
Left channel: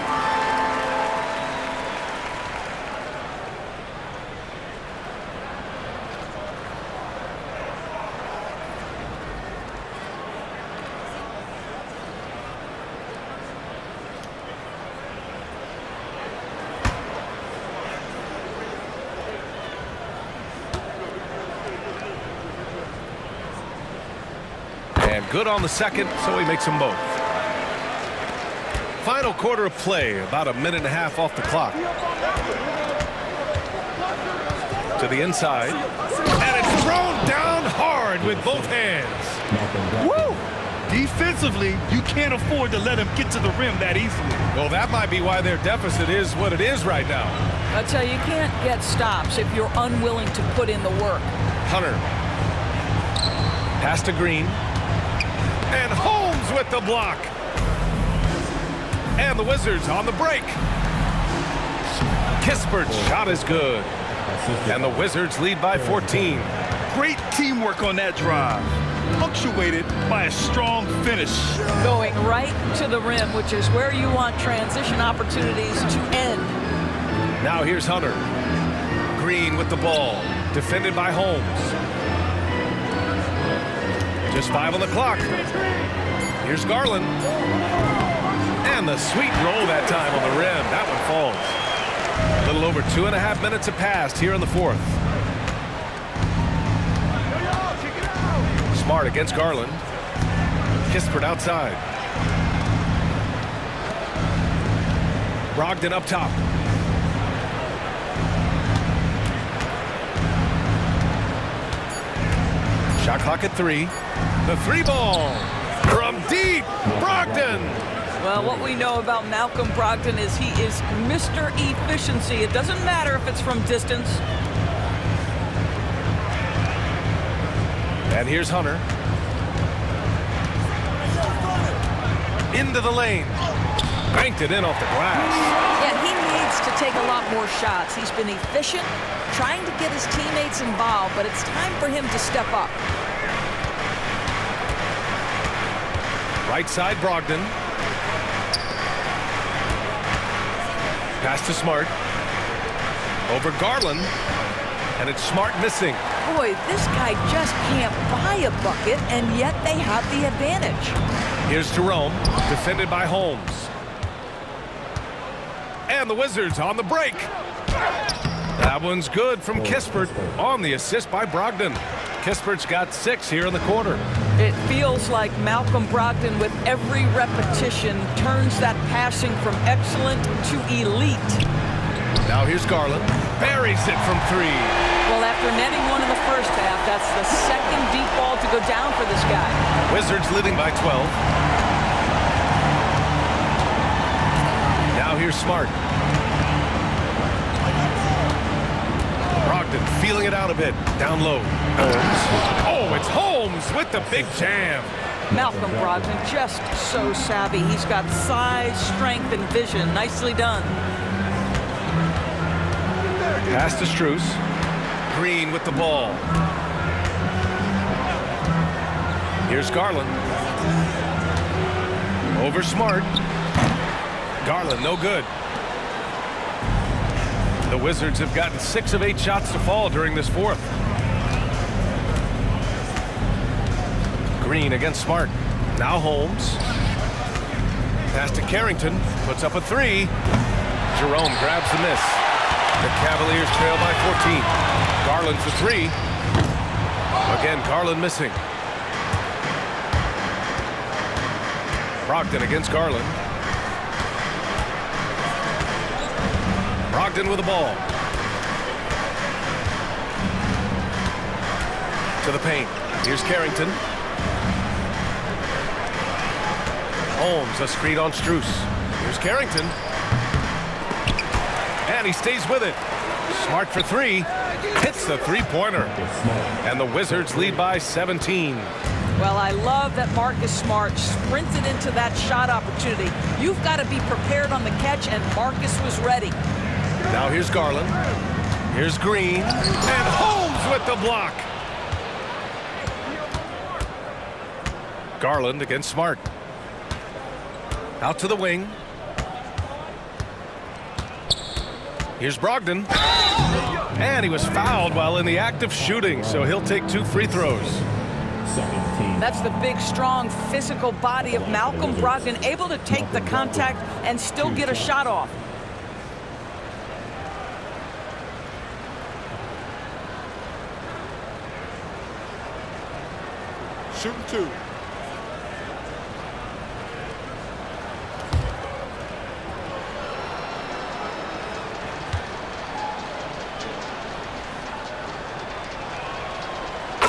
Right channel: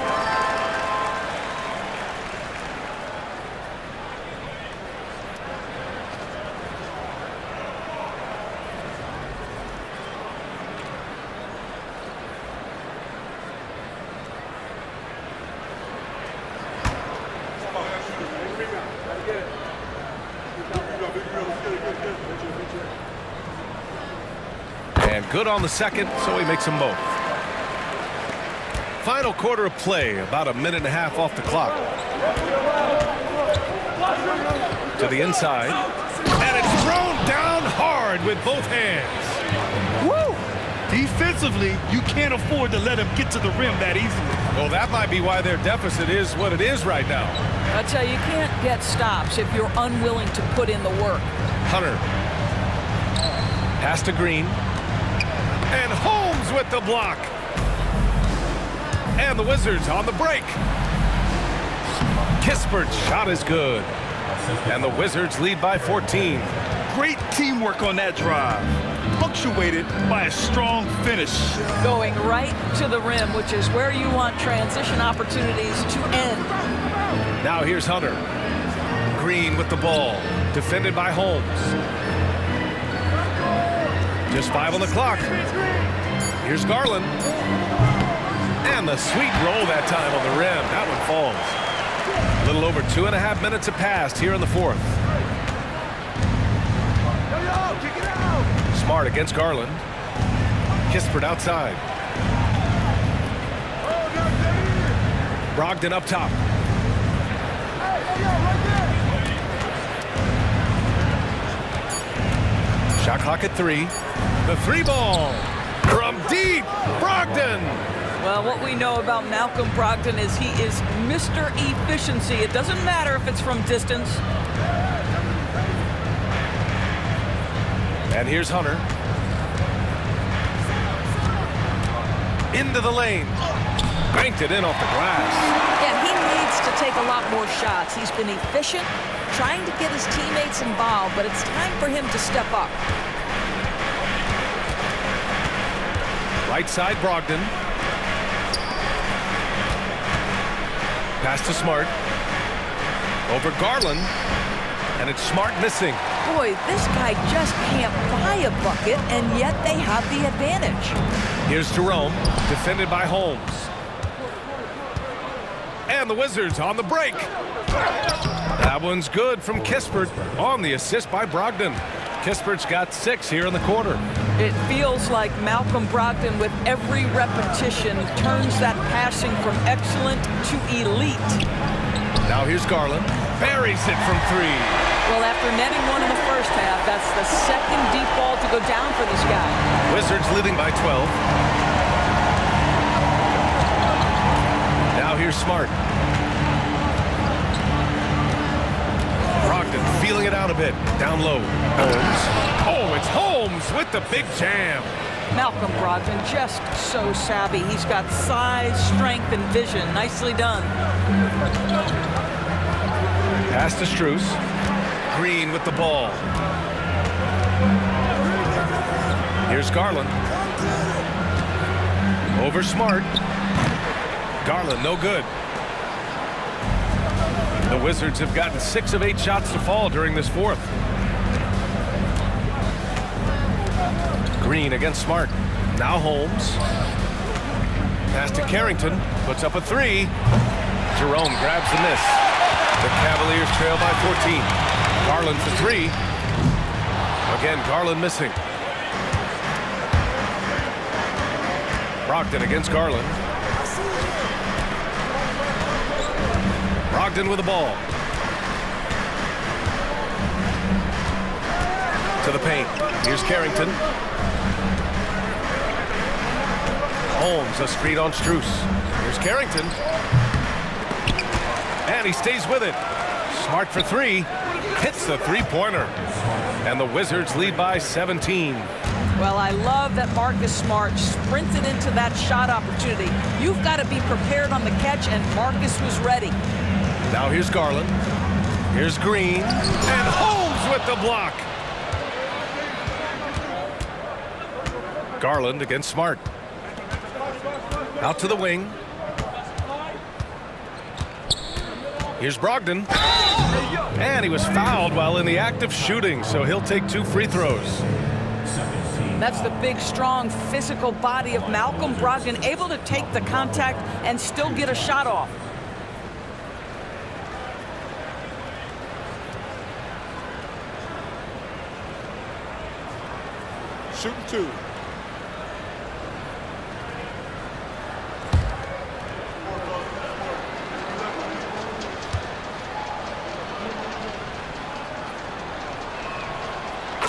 And good on the second, so he makes them both. Final quarter of play, about a minute and a half off the clock. To the inside, and it's thrown down hard with both hands. Woo! Defensively, you can't afford to let him get to the rim that easily. Well, that might be why their deficit is what it is right now. I tell you can't get stops if you're unwilling to put in the work. Hunter. Pass to Green. And Holmes with the block. And the Wizards on the break. Kispert's shot is good. And the Wizards lead by 14. Great teamwork on that drive, punctuated by a strong finish. Going right to the rim, which is where you want transition opportunities to end. Now here's Hunter. Green with the ball. Defended by Holmes. Just 5 on the clock. Here's Garland. And the sweet roll that time on the rim. That one falls. A little over 2.5 minutes have passed here in the fourth. Smart against Garland. Kispert outside. Brogdon up top. Shot clock at 3. The 3 ball from deep. Brogdon. Well, what we know about Malcolm Brogdon is he is Mr. Efficiency. It doesn't matter if it's from distance. And here's Hunter. Into the lane. Banked it in off the glass. Yeah, he needs to take a lot more shots. He's been efficient, trying to get his teammates involved, but it's time for him to step up. Right side, Brogdon. Pass to Smart. Over Garland. And it's Smart missing. Boy, this guy just can't buy a bucket, and yet they have the advantage. Here's Jerome, defended by Holmes. And the Wizards on the break. That one's good from Kispert on the assist by Brogdon. Kispert's got 6 here in the quarter. It feels like Malcolm Brogdon, with every repetition, turns that passing from excellent to elite. Now here's Garland. Buries it from 3. Well, after netting one in the first half, that's the second deep ball to go down for this guy. Wizards leading by 12. Now here's Smart. Brogdon feeling it out a bit. Down low. Holmes. Oh, it's Holmes with the big jam. Malcolm Brogdon just so savvy. He's got size, strength, and vision. Nicely done. Pass to Strus. Green with the ball. Here's Garland. Over Smart. Garland, no good. The Wizards have gotten 6 of 8 shots to fall during this fourth. Green against Smart. Now Holmes. Pass to Carrington. Puts up a 3. Jerome grabs the miss. The Cavaliers trail by 14. Garland for 3. Again, Garland missing. Brogdon against Garland. Brogdon with the ball. To the paint. Here's Carrington. Holmes, a screen on Strus. Here's Carrington. And he stays with it. Smart for 3. Hits the 3-pointer. And the Wizards lead by 17. Well, I love that Marcus Smart sprinted into that shot opportunity. You've got to be prepared on the catch, and Marcus was ready. Now here's Garland. Here's Green. And Holmes with the block. Garland against Smart. Out to the wing. Here's Brogdon. And he was fouled while in the act of shooting, so he'll take 2 free throws. That's the big, strong, physical body of Malcolm Brogdon, able to take the contact and still get a shot off. Shooting 2.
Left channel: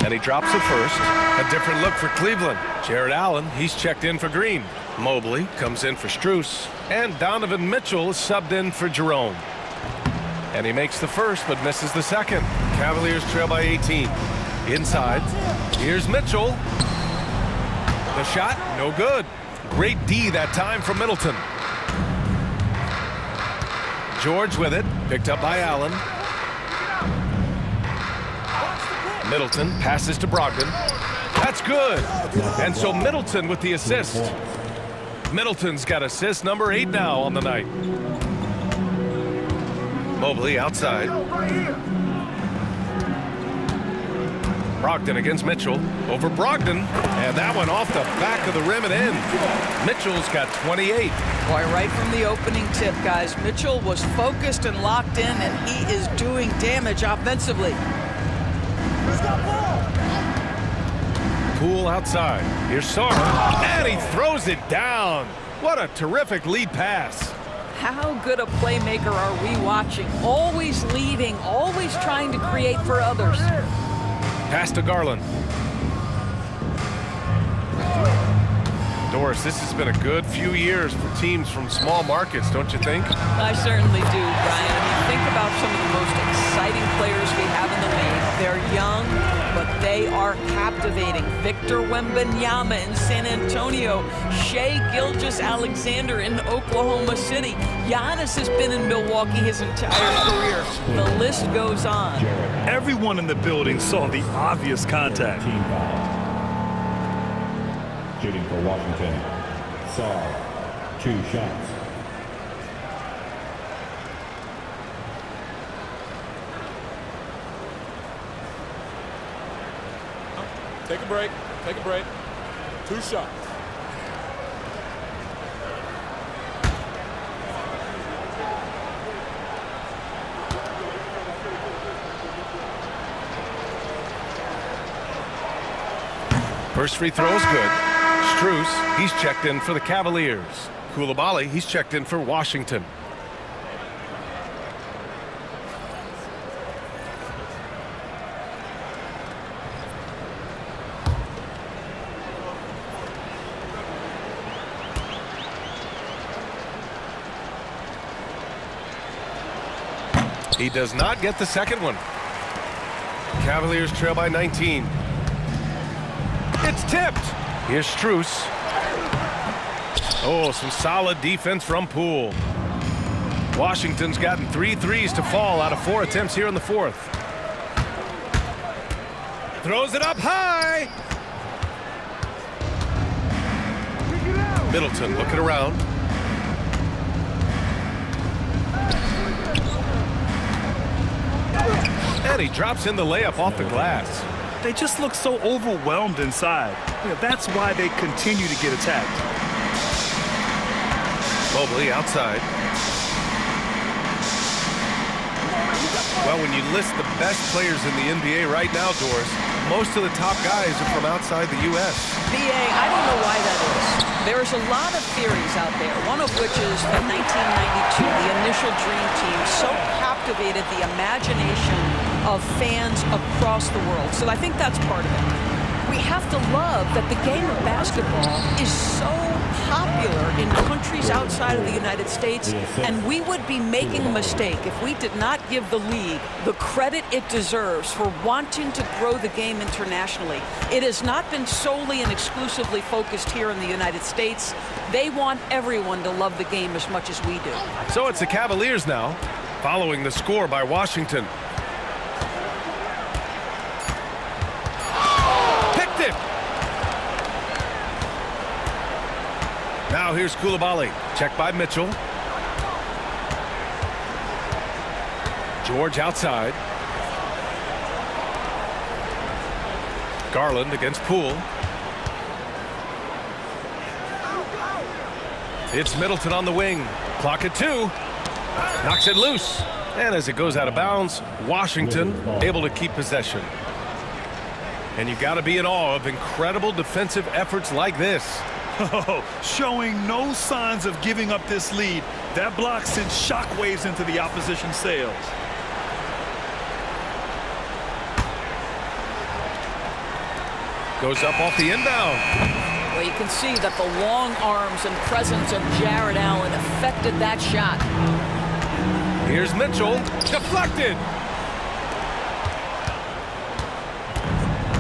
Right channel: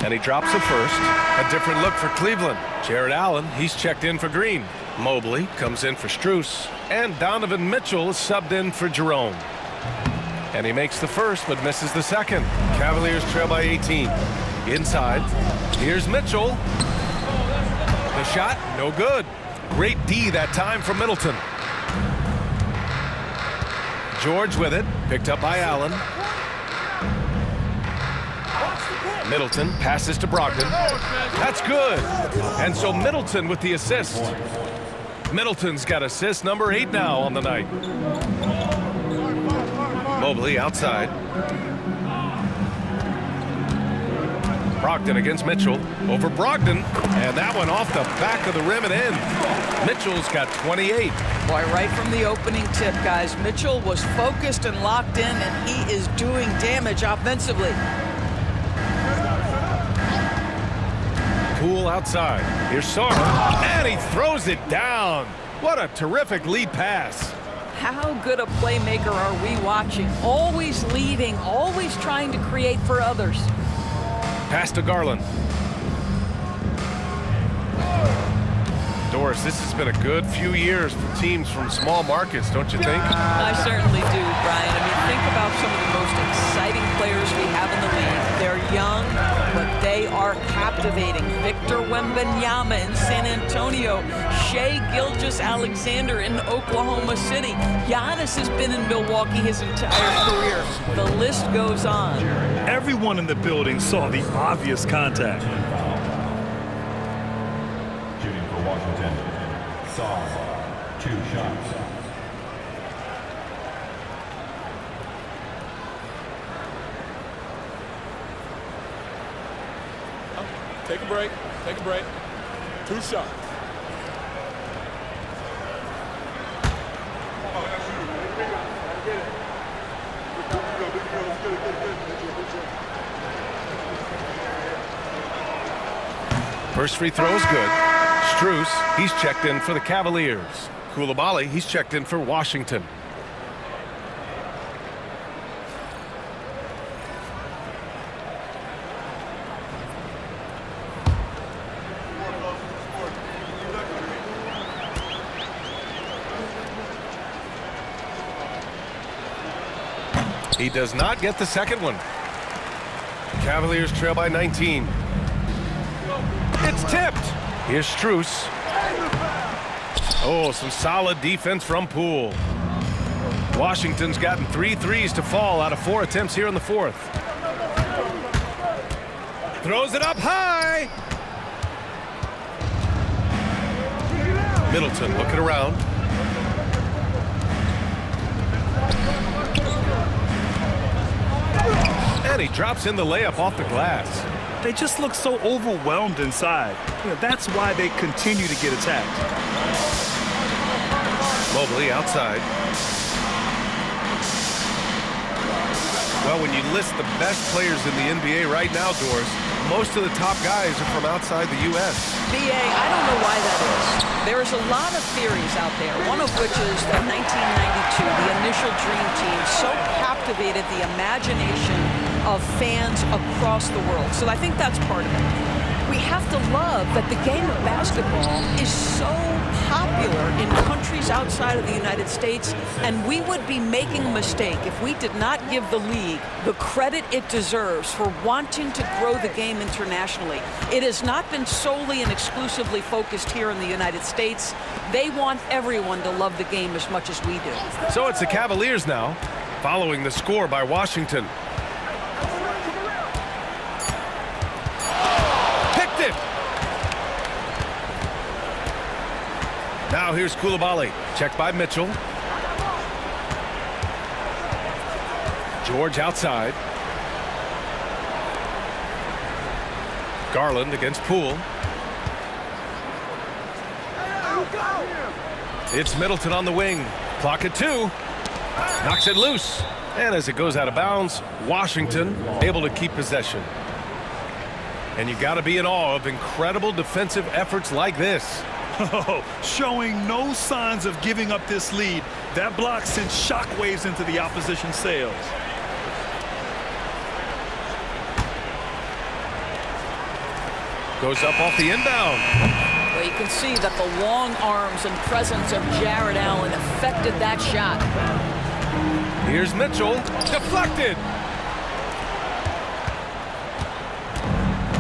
And he drops it first. A different look for Cleveland. Jared Allen, he's checked in for Green. Mobley comes in for Strus. And Donovan Mitchell is subbed in for Jerome. And he makes the first but misses the second. Cavaliers trail by 18. Inside. Here's Mitchell. The shot, no good. Great D that time from Middleton. George with it. Picked up by Allen. Middleton passes to Brogdon. That's good. And so Middleton with the assist. Middleton's got assist number 8 now on the night. Mobley outside. Brogdon against Mitchell. Over Brogdon. And that one off the back of the rim and in. Mitchell's got 28. Boy, right from the opening tip, guys, Mitchell was focused and locked in, and he is doing damage offensively. Poole outside. Here's Sarr. And he throws it down. What a terrific lead pass. How good a playmaker are we watching? Always leading, always trying to create for others. Pass to Garland. Doris, this has been a good few years for teams from small markets, don't you think? I certainly do, Brian. I mean, think about some of the most exciting players we have in the league. They're young, but they are captivating. Victor Wembanyama in San Antonio, Shai Gilgeous-Alexander in Oklahoma City. Giannis has been in Milwaukee his entire career. The list goes on. Everyone in the building saw the obvious contact. Shooting for Washington. Sarr, 2 shots. Take a break. Take a break. 2 shots. First free throw is good. Strus, he's checked in for the Cavaliers. Coulibaly, he's checked in for Washington. He does not get the second one. Cavaliers trail by 19. It's tipped. Here's Strus. Oh, some solid defense from Poole. Washington's gotten 3 threes to fall out of 4 attempts here in the fourth. Throws it up high. Middleton looking around. And he drops in the layup off the glass. They just look so overwhelmed inside. That's why they continue to get attacked. Mobley outside. Well, when you list the best players in the NBA right now, Doris, most of the top guys are from outside the U.S. BA, I don't know why that is. There's a lot of theories out there, one of which is that 1992, the initial Dream Team, so captivated the imagination of fans across the world. So I think that's part of it. We have to love that the game of basketball is so popular in countries outside of the United States, and we would be making a mistake if we did not give the league the credit it deserves for wanting to grow the game internationally. It has not been solely and exclusively focused here in the United States. They want everyone to love the game as much as we do. So it's the Cavaliers now, following the score by Washington. Now here's Coulibaly. Checked by Mitchell. George outside. Garland against Poole. It's Middleton on the wing. Clock at 2. Knocks it loose. And as it goes out of bounds, Washington able to keep possession. And you got to be in awe of incredible defensive efforts like this. Oh, showing no signs of giving up this lead. That block sent shockwaves into the opposition's sails. Goes up off the inbound. Well, you can see that the long arms and presence of Jared Allen affected that shot. Here's Mitchell. Deflected.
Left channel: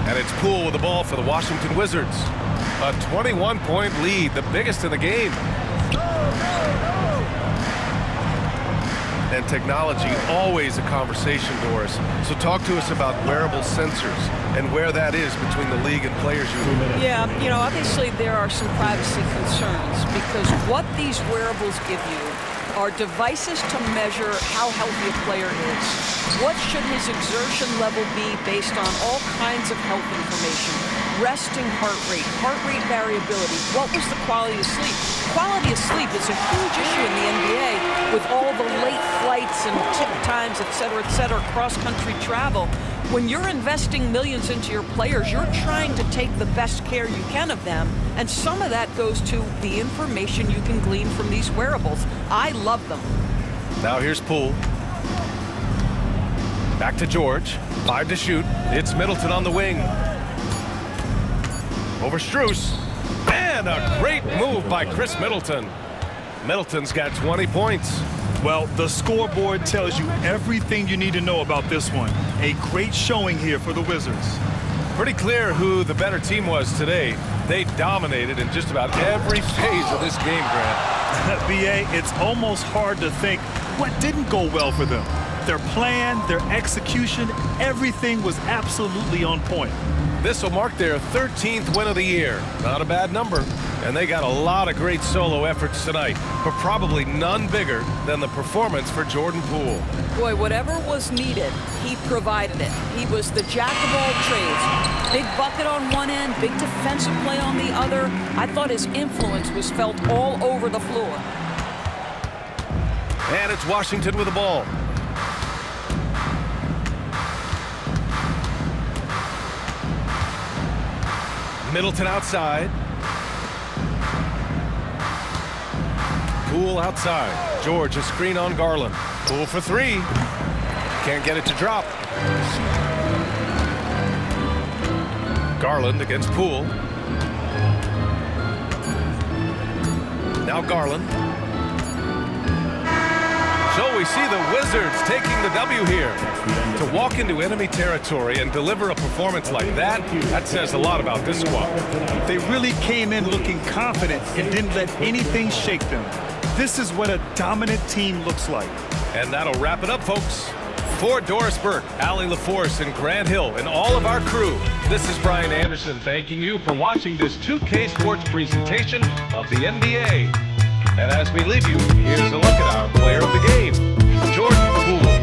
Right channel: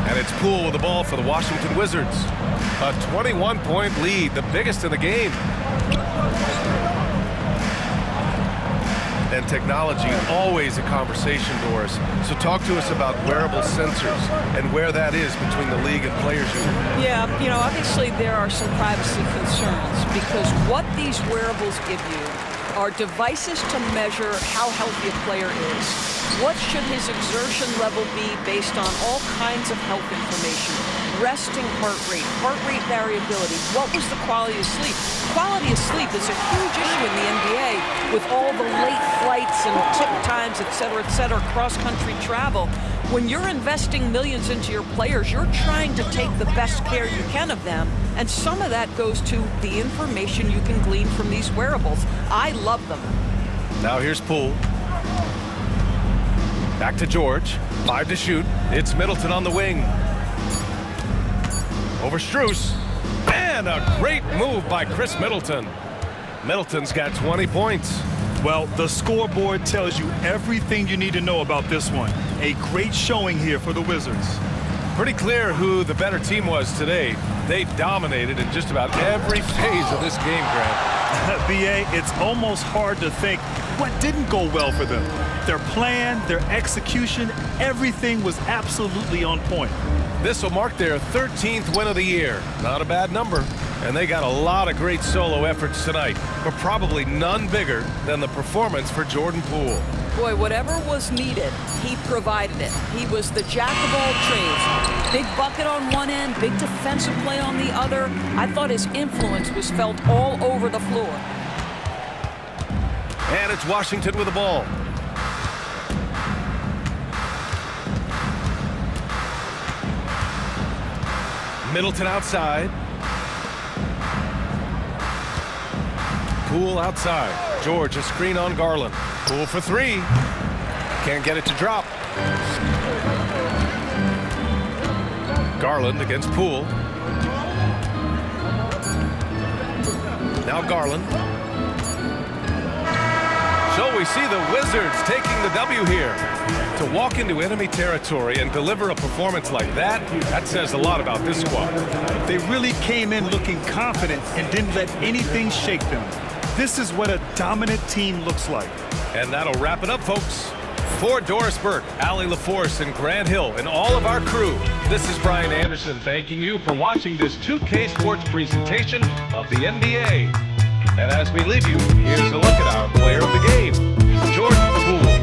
And it's Poole with the ball for the Washington Wizards. A 21-point lead, the biggest in the game. And technology, always a conversation, Doris. So talk to us about wearable sensors and where that is between the league and players union. Yeah, you know, obviously there are some privacy concerns because what these wearables give you are devices to measure how healthy a player is. What should his exertion level be based on all kinds of health information? Resting heart rate variability. What was the quality of sleep? Quality of sleep is a huge issue in the NBA with all the late flights and tip times, et cetera, cross-country travel. When you're investing millions into your players, you're trying to take the best care you can of them, and some of that goes to the information you can glean from these wearables. I love them. Now here's Poole. Back to George. 5 to shoot. It's Middleton on the wing. Over Strus. And a great move by Chris Middleton. Middleton's got 20 points. Well, the scoreboard tells you everything you need to know about this one. A great showing here for the Wizards. Pretty clear who the better team was today. They dominated in just about every phase of this game, Grant. BA, it's almost hard to think what didn't go well for them. Their plan, their execution, everything was absolutely on point. This will mark their 13th win of the year. Not a bad number. And they got a lot of great solo efforts tonight, but probably none bigger than the performance for Jordan Poole. Boy, whatever was needed, he provided it. He was the jack of all trades. Big bucket on one end, big defensive play on the other. I thought his influence was felt all over the floor. And it's Washington with the ball. Middleton outside. Poole outside. George, a screen on Garland. Poole for 3. Can't get it to drop. Garland against Poole. Now Garland. So we see the Wizards taking the W here. To walk into enemy territory and deliver a performance like that, that says a lot about this squad. They really came in looking confident and didn't let anything shake them. This is what a dominant team looks like. And that'll wrap it up, folks. For Doris Burke, Allie LaForce, and Grant Hill, and all of our crew, this is Brian Anderson thanking you for watching this 2K Sports presentation of the NBA. And as we leave you, here's a look at our player of the game, Jordan Poole.